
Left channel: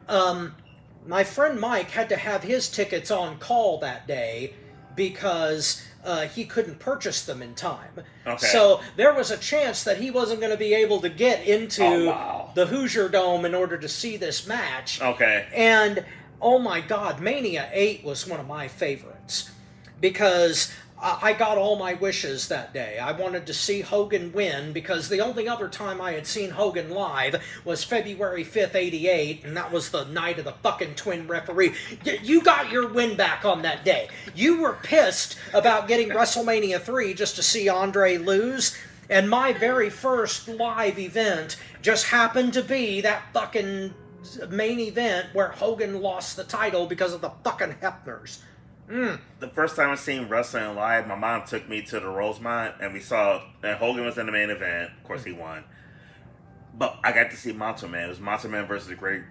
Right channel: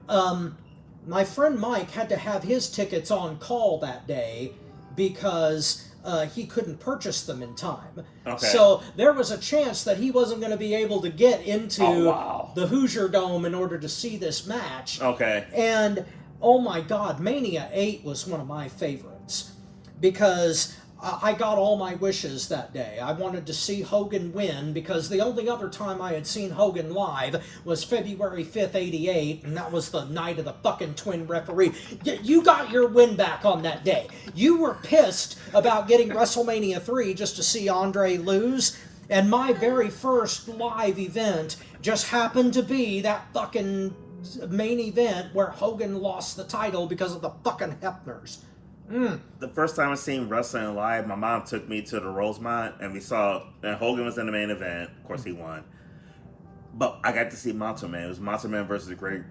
My friend Mike had to have his tickets on call that day because he couldn't purchase them in time. Okay. So there was a chance that he wasn't going to be able to get into the Hoosier Dome in order to see this match. Okay. And, oh my God, Mania 8 was one of my favorites because I got all my wishes that day. I wanted to see Hogan win because the only other time I had seen Hogan live was February 5th, 88, and that was the night of the fucking twin referee. You got your win back on that day. You were pissed about getting WrestleMania 3 just to see Andre lose, and my very first live event just happened to be that fucking main event where Hogan lost the title because of the fucking Hefners. Mm. The first time I seen wrestling live, my mom took me to the Rosemont, and we saw and Hogan was in the main event. Of course, he won. But I got to see Macho Man. It was Macho Man versus the great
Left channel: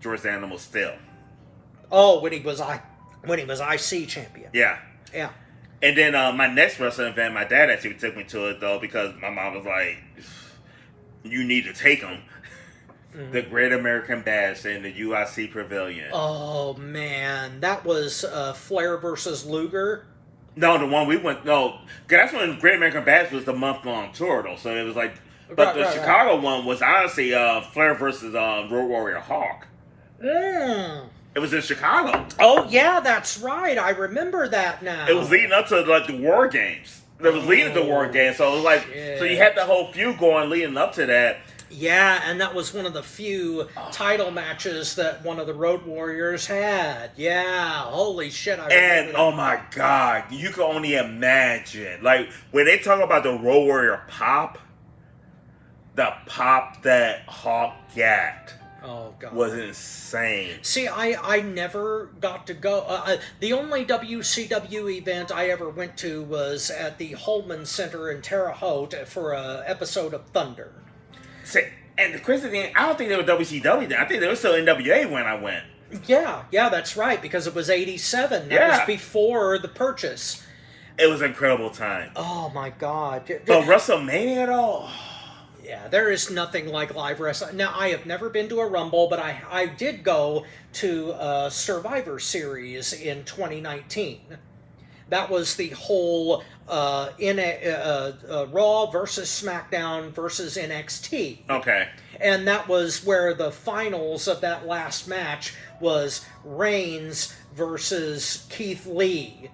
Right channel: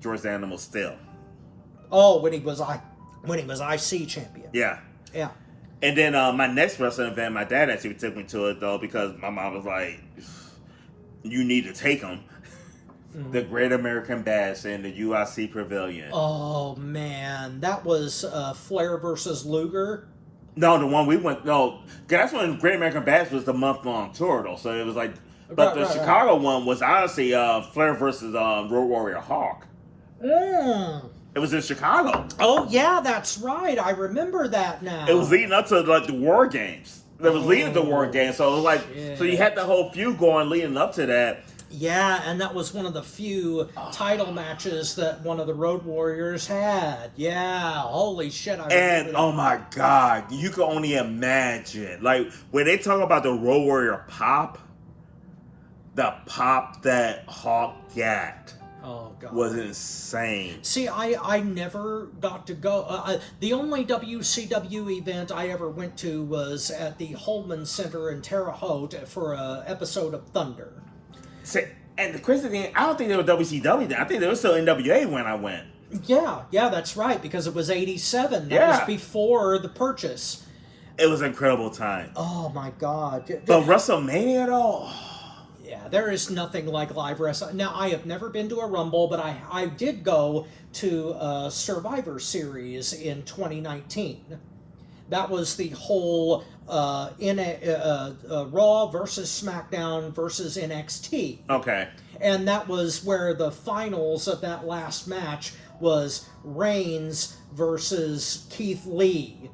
George the Animal Steele. Oh, when he was IC champion. Yeah. Yeah. And then my next wrestling event, my dad actually took me to it though because my mom was like, "You need to take him." The Great American Bash in the UIC Pavilion. Oh man, that was Flair versus Luger. No, the one we went. No, 'cause that's when Great American Bash was the month-long tour though. So it was like, but the Chicago one was honestly Flair versus Road Warrior Hawk. Mm. It was in Chicago. Oh yeah, that's right. I remember that now. It was leading up to like the War Games. That was leading to War Games. So it was like, so you had the whole feud going leading up to that. Yeah, and that was one of the few title matches that one of the Road Warriors had. Yeah, holy shit! I And oh my god, you can only imagine like when they talk about the Road Warrior pop, the pop that Hawk got. Oh god, was insane. See, I never got to go. The only WCW event I ever went to was at the Holman Center in Terre Haute for an episode of Thunder. See, and the crazy thing, I don't think they were WCW then. I think they were still NWA when I went. Yeah, that's right, because it was 87. That Yeah. was before the purchase. It was an incredible time. Oh my god. But WrestleMania though? Yeah, there is nothing like live wrestling. Now, I have never been to a Rumble, but I did go to Survivor Series in 2019. That was the whole Raw versus SmackDown versus NXT. Okay. And that was where the finals of that last match was Reigns versus Keith Lee.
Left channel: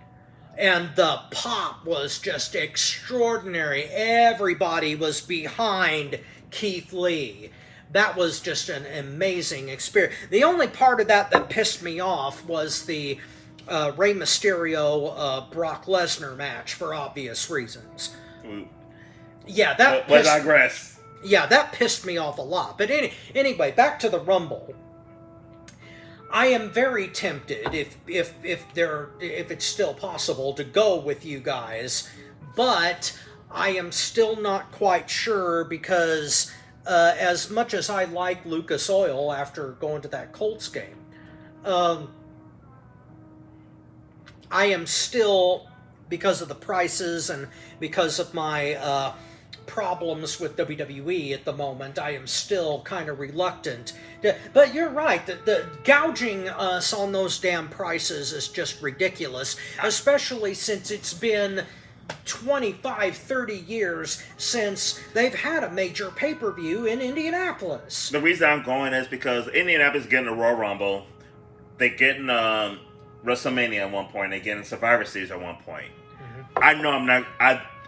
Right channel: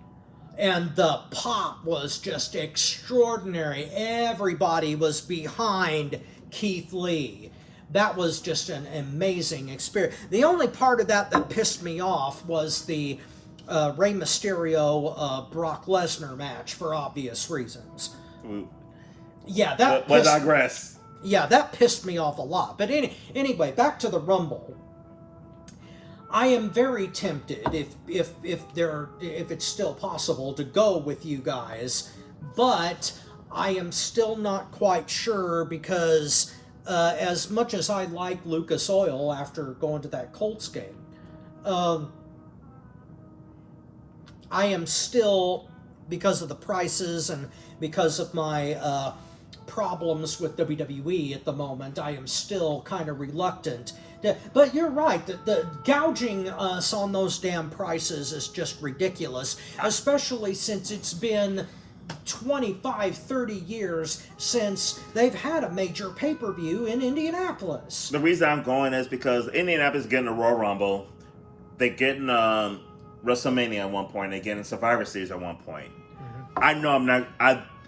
And the pop was just extraordinary. Everybody was behind Keith Lee. That was just an amazing experience. The only part of that pissed me off was the Rey Mysterio Brock Lesnar match for obvious reasons. Yeah, that But I digress. Yeah, that pissed me off a lot. But anyway, back to the Rumble. I am very tempted, if it's still possible, to go with you guys, but I am still not quite sure because as much as I like Lucas Oil after going to that Colts game, I am still, because of the prices and because of my problems with WWE at the moment, I am still kind of reluctant. But you're right, the gouging us on those damn prices is just ridiculous, especially since it's been 25, 30 years since they've had a major pay-per-view in Indianapolis. The reason I'm going is because Indianapolis is getting the Royal Rumble. They're getting WrestleMania at one point. They're getting Survivor Series at one point. Mm-hmm. I know I'm not...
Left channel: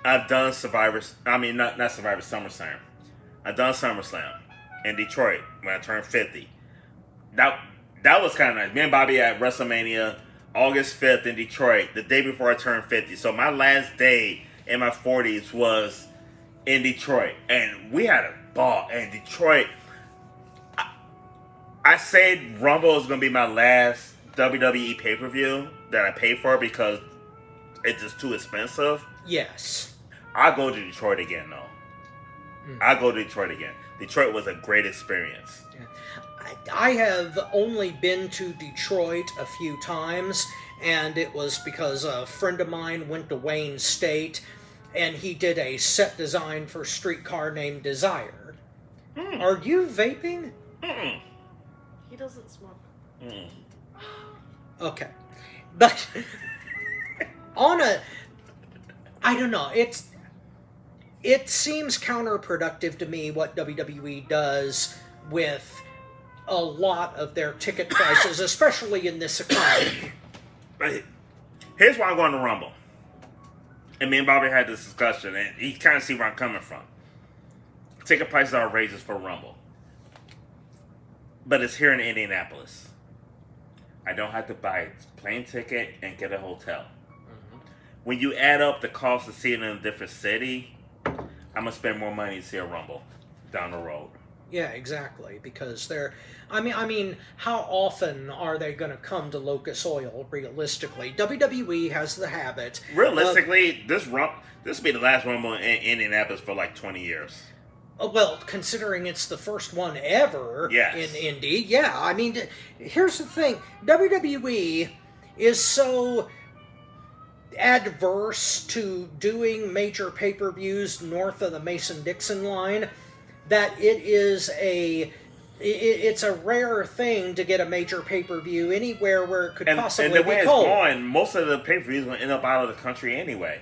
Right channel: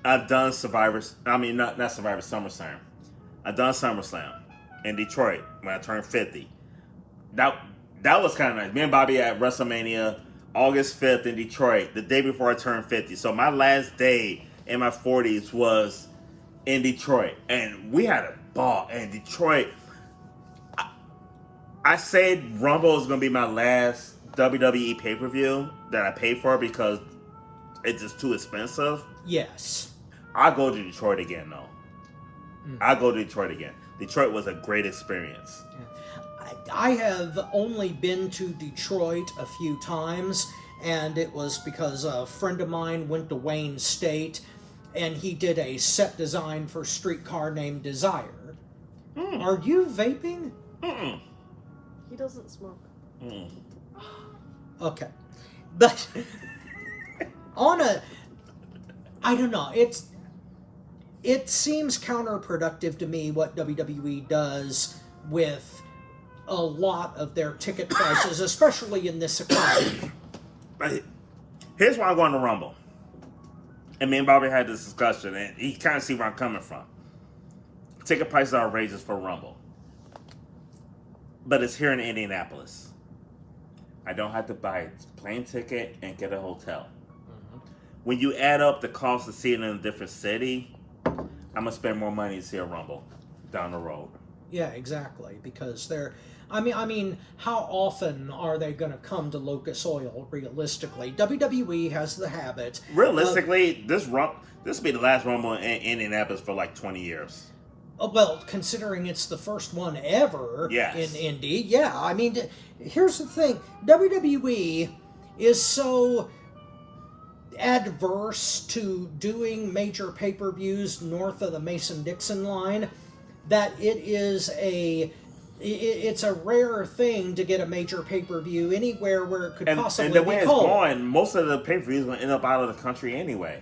I've done not Survivor, SummerSlam. I've done SummerSlam in Detroit when I turned 50. That was kind of nice. Me and Bobby at WrestleMania August 5th in Detroit, the day before I turned 50. So my last day in my 40s was in Detroit. And we had a ball in Detroit. I said Rumble is going to be my last WWE pay-per-view that I pay for because it's just too expensive. Yes. I'll go to Detroit again, though. I'll go to Detroit again. Detroit was a great experience. I have only been to Detroit a few times, and it was because a friend of mine went to Wayne State, and he did a set design for Streetcar Named Desire. Are you vaping? He doesn't smoke. Okay. But I don't know, it seems counterproductive to me what WWE does with a lot of their ticket prices, especially in this economy. Here's why I'm going to Rumble. And me and Bobby had this discussion, and he kind of see where I'm coming from. Ticket prices are outrageous for Rumble. But it's here in Indianapolis. I don't have to buy a plane ticket and get a hotel. When you add up the cost of seeing it in a different city, I'm going to spend more money to see a Rumble down the road. Yeah, exactly. Because I mean, how often are they going to come to Locust Oil? Realistically, WWE has the habit. Realistically, this will be the last Rumble in Indianapolis for like 20 years. Well, considering it's the first one ever Yes. in Indy, yeah. I mean, here's the thing: WWE is so adverse to doing major pay-per-views north of the Mason-Dixon line that it's a rare thing to get a major pay-per-view anywhere where it could possibly And the be way it's cold. going, most of the pay-per-views going to end up out of the country anyway,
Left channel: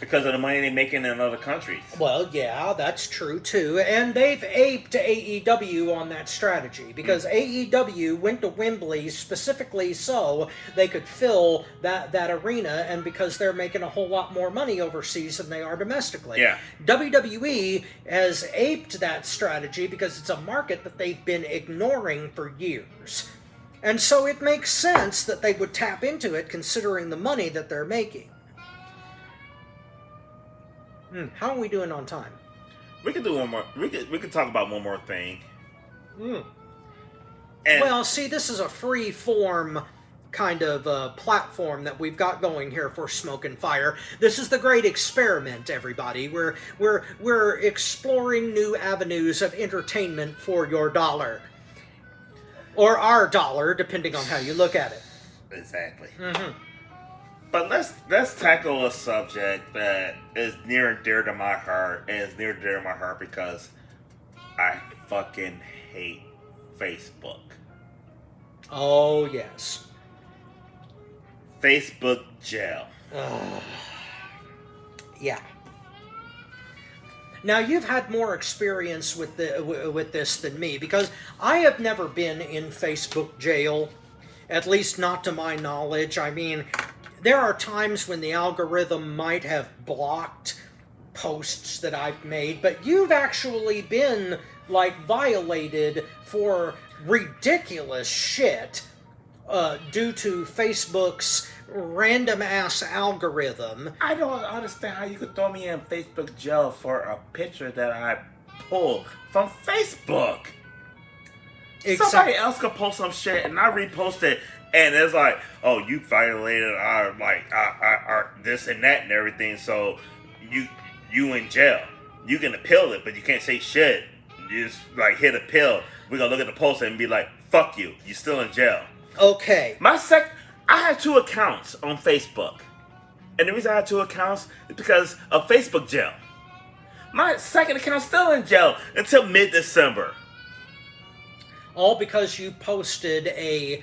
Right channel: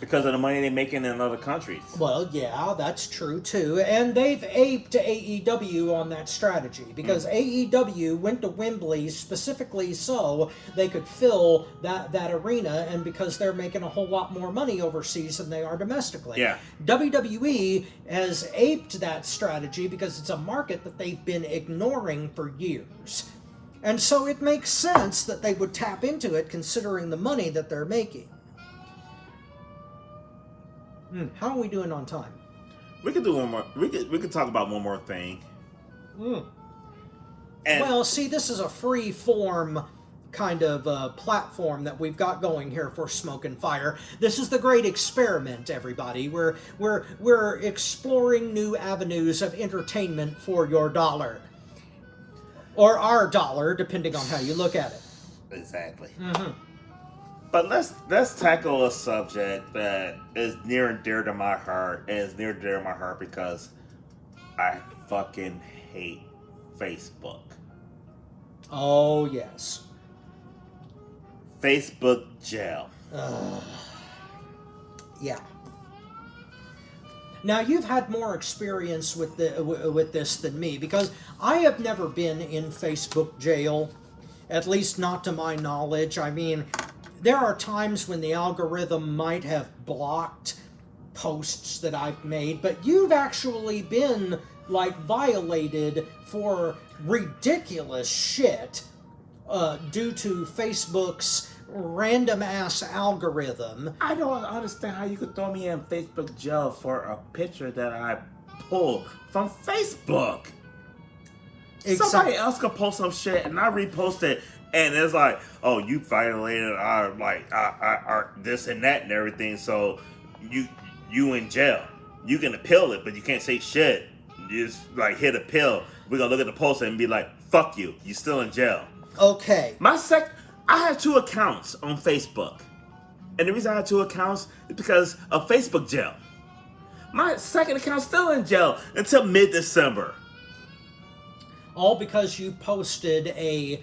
because of the money they making in other countries. Well, yeah, that's true too. And they've aped AEW on that strategy because AEW went to Wembley specifically so they could fill that arena, and because they're making a whole lot more money overseas than they are domestically. Yeah. WWE has aped that strategy because it's a market that they've been ignoring for years. And so it makes sense that they would tap into it considering the money that they're making. How are we doing on time? We could do one more. We could talk about one more thing. And Well, see, this is a free form kind of platform that we've got going here for Smoke and Fire. This is the great experiment, everybody. We're exploring new avenues of entertainment for your dollar, or our dollar, depending on how you look at it. exactly. Mm-hmm. But let's tackle a subject that is near and dear to my heart, and it's near and dear to my heart because I fucking hate Facebook. Oh yes. Facebook jail. Yeah. Now you've had more experience with this than me because I have never been in Facebook jail, at least not to my knowledge. I mean, there are times when the algorithm might have blocked posts that I've made, but you've actually been like violated for ridiculous shit due to Facebook's random ass algorithm. I don't understand how you could throw me in Facebook jail for a picture that I pulled from Facebook. Somebody else could post some shit and I repost it, and it's like, oh, you violated our this and that and everything, so you in jail. You can appeal it, but you can't say shit. You just like hit appeal. We're gonna look at the post and be like, fuck you. You still in jail. Okay. I had 2 accounts on Facebook. And the reason I had 2 accounts is because of Facebook jail. My second account's still in jail until mid-December. All because you posted a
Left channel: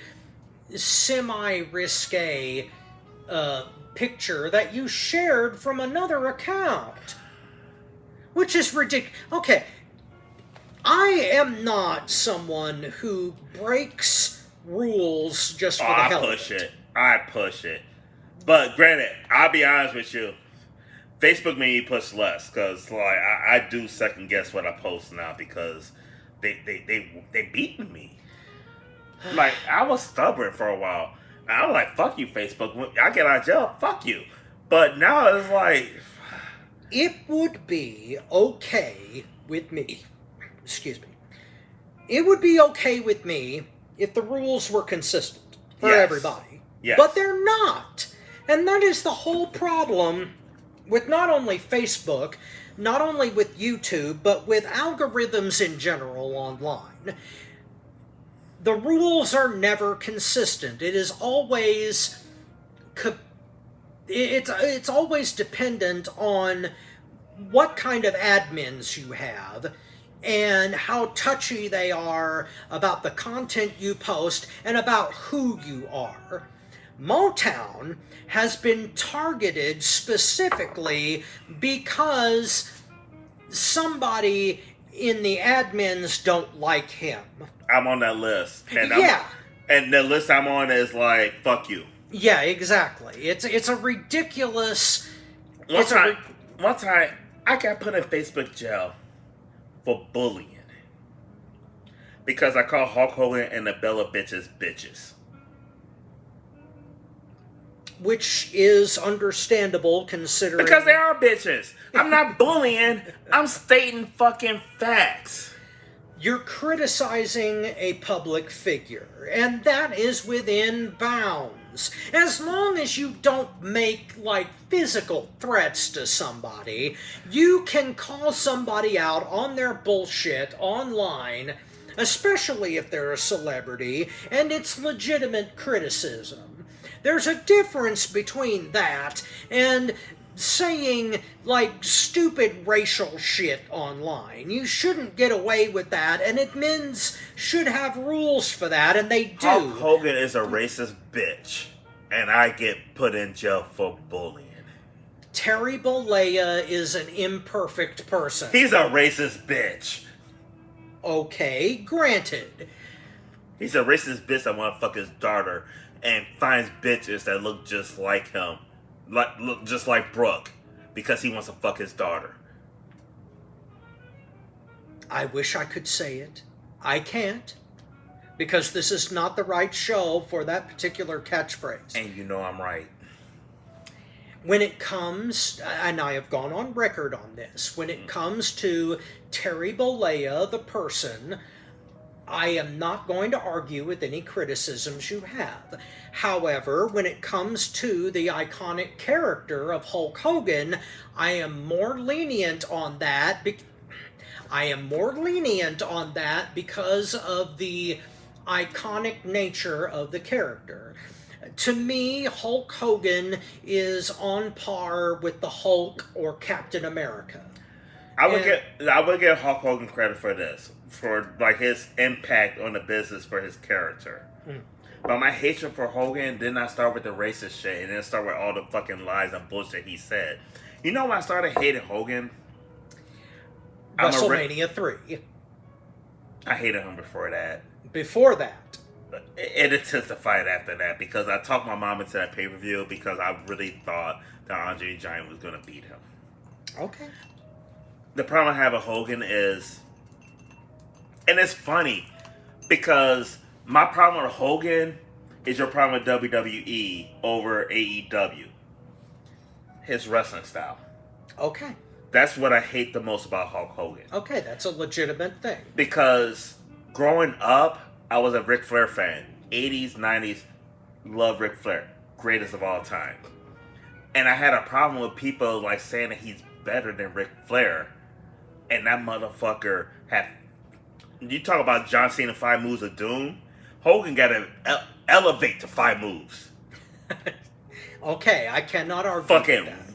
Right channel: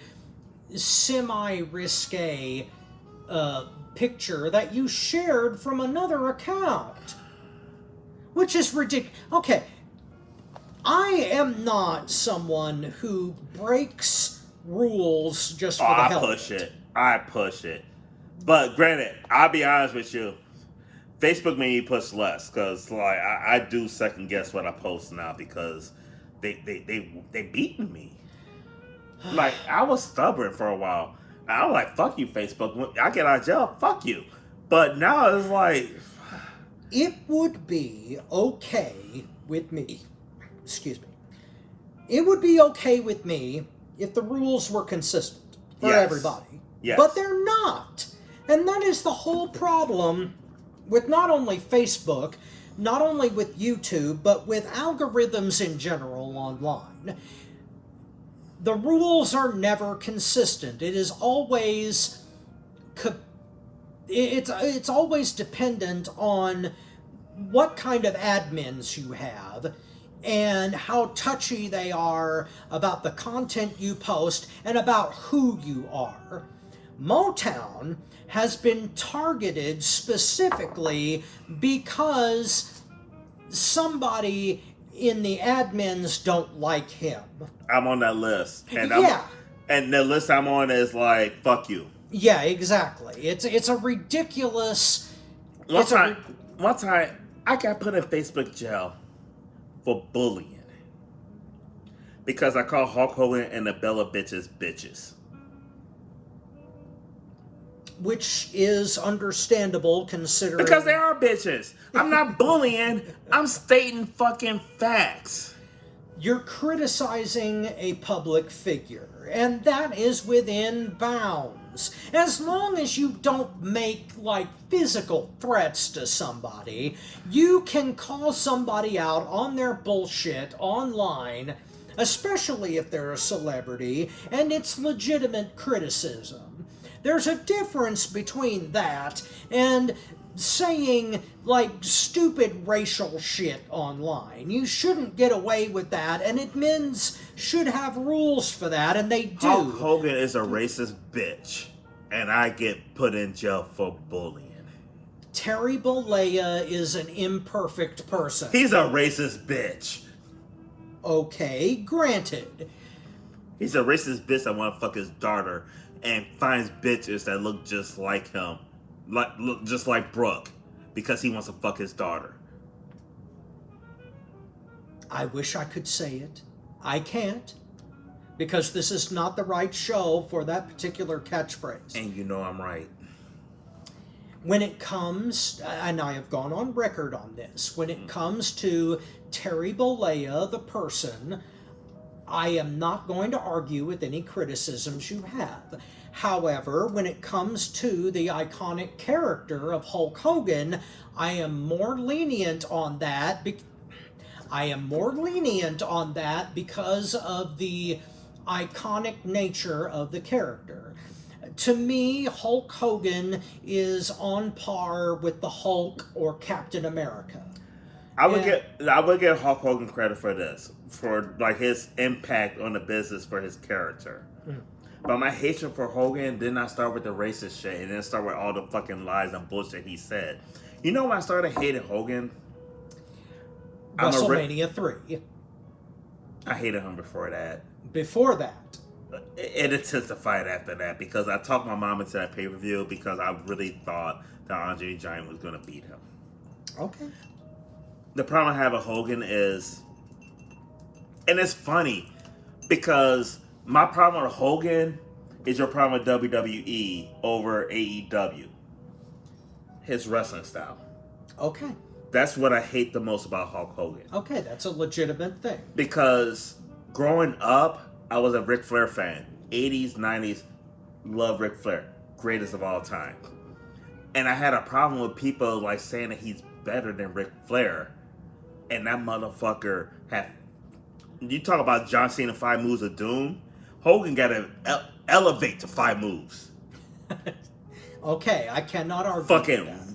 semi-risque picture that you shared from another account. Which is ridiculous. Okay, I am not someone who breaks rules just for the hell of it. I push it. But granted, I'll be honest with you. Facebook made me push less because like I do second guess what I post now because they beaten me. Like I was stubborn for a while. I was like, fuck you, Facebook. When I get out of jail, fuck you. But now it's like, It would be okay with me. Excuse me. It would be okay with me if the rules were consistent for Yes. everybody. yes. But they're not. And that is the whole problem with not only Facebook, not only with YouTube, but with algorithms in general online. The rules are never consistent. It is always it's always dependent on what kind of admins you have and how touchy they are about the content you post and about who you are. Motown has been targeted specifically because somebody in the admins don't like him. I'm on that list. And Yeah. And the list I'm on is like, fuck you. Yeah, exactly. It's a ridiculous. One It's a time, I got put in Facebook jail for bullying because I called Hulk Hogan and the Bella bitches bitches. Which is understandable considering. Because they are bitches. I'm not bullying. I'm stating fucking facts. You're criticizing a public figure, and that is within bounds. As long as you don't make, like, physical threats to somebody, you can call somebody out on their bullshit online, especially if they're a celebrity, and it's legitimate criticism. There's a difference between that and saying, like, stupid racial shit online. You shouldn't get away with that, and admins should have rules for that, and they do. Hulk Hogan is a racist bitch, and I get put in jail for bullying. Terry Bollea is an imperfect person. He's a racist bitch. Okay, granted. He's a racist bitch that want to fuck his daughter and finds bitches that look just like him. Look just like Brooke, because he wants to fuck his daughter. I wish I could say it. I can't, because this is not the right show for that particular catchphrase. And you know I'm right. When it comes, and I have gone on record on this, when it comes to Terry Bollea, the person, I am not going to argue with any criticisms you have. However, when it comes to the iconic character of Hulk Hogan, I am more lenient on that. Because of the iconic nature of the character. To me, Hulk Hogan is on par with the Hulk or Captain America. I would give Hulk Hogan credit for this, for like his impact on the business for his character. But my hatred for Hogan did not start with the racist shit. It didn't start with all the fucking lies and bullshit he said. You know when I started hating Hogan? WrestleMania 3. I hated him before that. Before that. It intensified after that because I talked my mom into that pay-per-view because I really thought that Andre the Giant was going to beat him. Okay. The problem I have with Hogan is, and it's funny because my problem with Hogan is your problem with WWE over AEW. His wrestling style. Okay. That's what I hate the most about Hulk Hogan. Okay, that's a legitimate thing. Because growing up, I was a Ric Flair fan. 80s, 90s, love Ric Flair. Greatest of all time. And I had a problem with people like saying that he's better than Ric Flair. And that motherfucker had... You talk about John Cena 5 moves of doom. Hogan got to elevate to 5 moves. Okay, I cannot argue Fucking with that.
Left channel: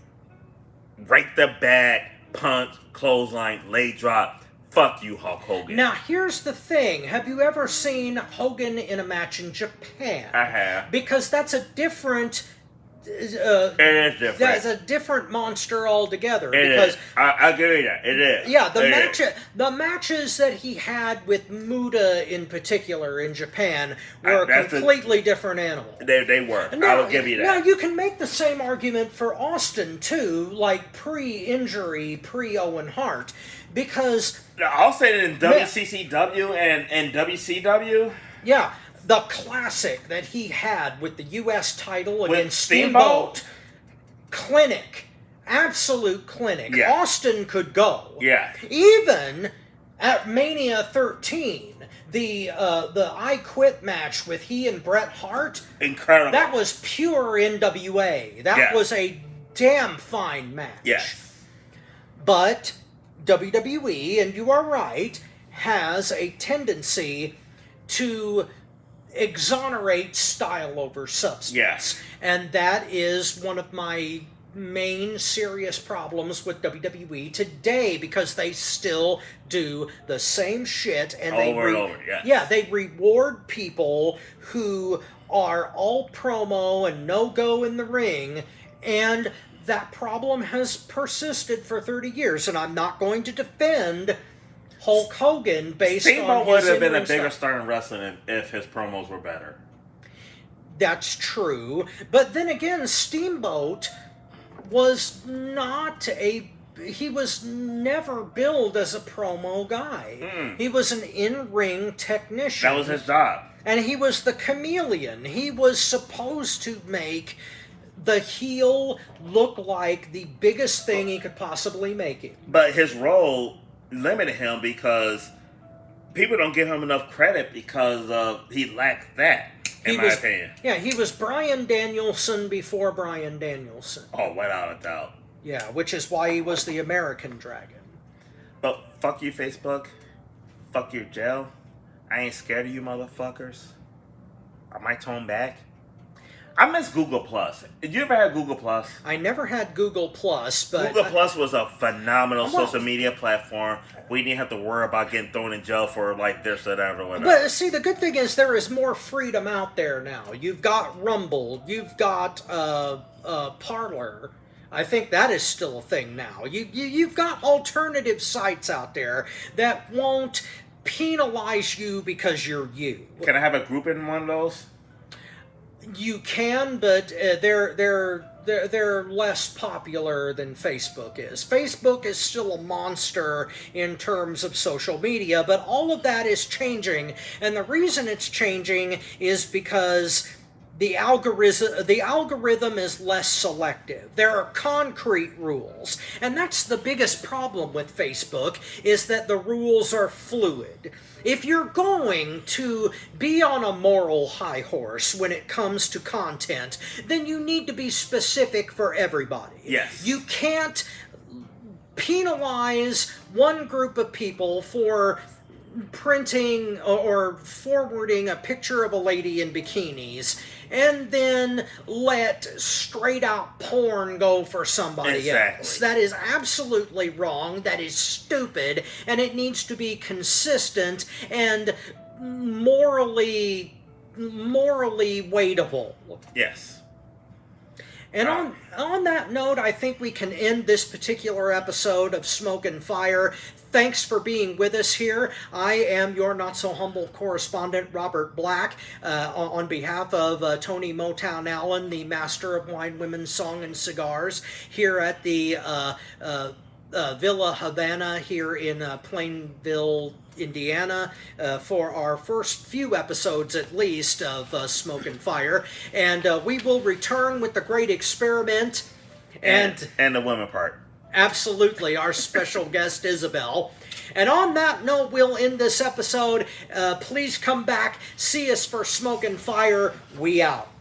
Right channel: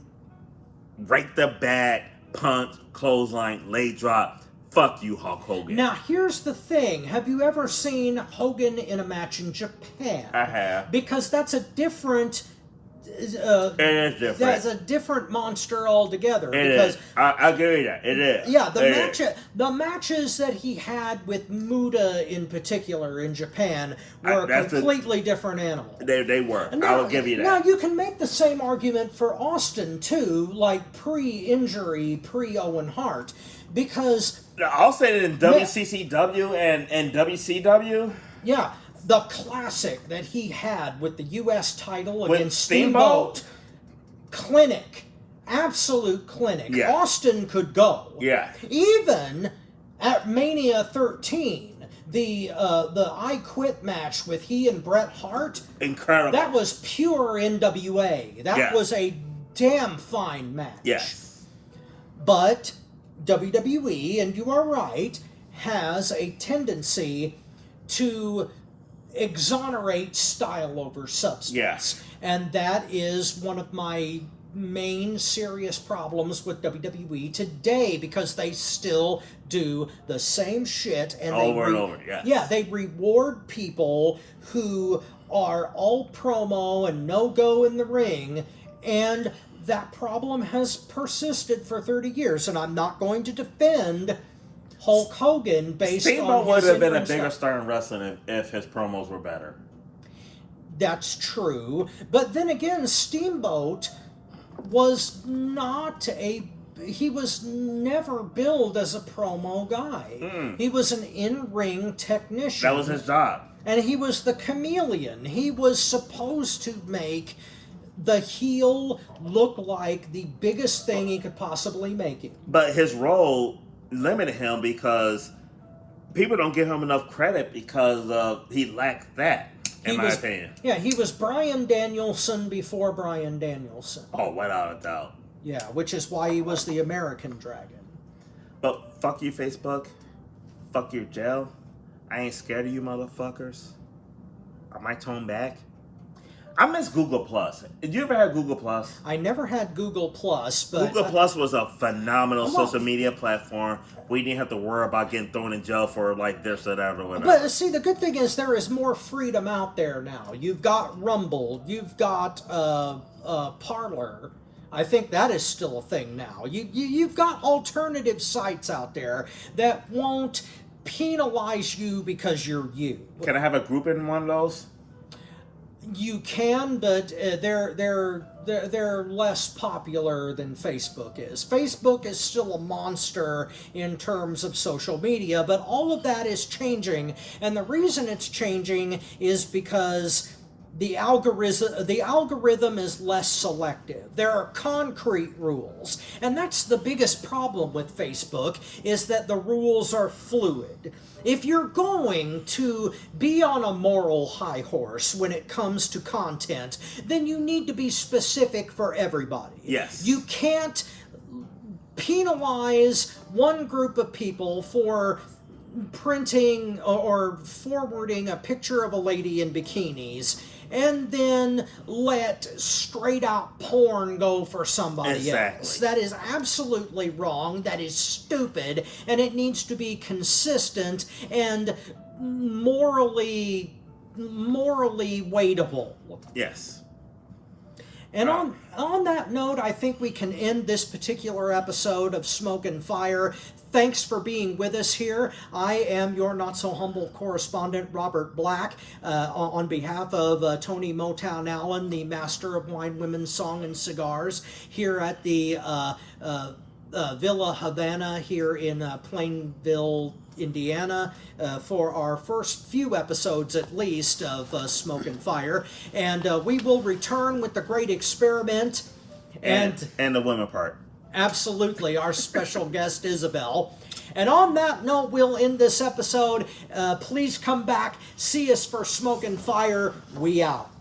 right the back, punch, clothesline, leg drop. Fuck you, Hulk Hogan. Now, here's the thing. Have you ever seen Hogan in a match in Japan? I have. Because that's a different... It is different. That's a different monster altogether. It because is. I give you that. It is. Yeah, It is. the matches that he had with Muda in particular in Japan were a completely different animal. They were. I will give you that. Now, you can make the same argument for Austin, too, like pre-injury, pre-Owen Hart, because... I'll say that in WCCW and WCW... Yeah, the classic that he had with the U.S. title With against Steamboat? Clinic. Absolute clinic. Yeah. Austin could go. Yeah. Even at Mania 13, the I Quit match with he and Bret Hart, Incredible. that was pure NWA. That Yeah. was a damn fine match. Yes. But WWE, and you are right, has a tendency to exonerate style over substance. Yes. And that is one of my main serious problems with WWE today, because they still do the same shit and Over and over, yes. Yeah, they reward people who are all promo and no go in the ring, and that problem has persisted for 30 years, and I'm not going to defend Hulk Hogan based Steamboat on would his have been a in-ring bigger stuff. star in wrestling if his promos were better. That's true. But then again, Steamboat was not a... He was never billed as a promo guy. Mm-mm. He was an in-ring technician. That was his job. And he was the chameleon. He was supposed to make the heel look like the biggest thing he could possibly make it. But his role limited him because people don't give him enough credit because he lacked that, in my opinion. Yeah, he was Bryan Danielson before Bryan Danielson. Oh, without a doubt. Yeah, which is why he was the American Dragon. But fuck you, Facebook. Fuck your jail. I ain't scared of you motherfuckers. I might tone back. I miss Google Plus. Did you ever have Google Plus? I never had Google Plus, but Google Plus was a phenomenal social media platform. We didn't have to worry about getting thrown in jail for like this or that or whatever. But see, the good thing is there is more freedom out there now. You've got Rumble, you've got Parler. I think that is still a thing now. You've got alternative sites out there that won't penalize you because you're you. Can I have a group in one of those? You can, but they're less popular than Facebook is. Facebook is still a monster in terms of social media, but all of that is changing, and the reason it's changing is because the algorithm is less selective. There are concrete rules, and that's the biggest problem with Facebook, is that the rules are fluid. If you're going to be on a moral high horse when it comes to content, then you need to be specific for everybody. Yes. You can't penalize one group of people for printing or forwarding a picture of a lady in bikinis and then let straight out porn go for somebody else. That is absolutely wrong. That is stupid, and it needs to be consistent and morally weightable. Yes. And on that note, I think we can end this particular episode of Smoke and Fire. Thanks for being with us here. I am your not-so-humble correspondent, Robert Black, on behalf of Tony Motown Allen, the master of wine, women, song, and cigars, here at the Villa Havana here in Plainville, Indiana, for our first few episodes at least of Smoke and Fire. And we will return with the Great Experiment and the women part. Absolutely, our special guest, Isabel. And on that note, we'll end this episode. Please come back, see us for Smoke and Fire. We out.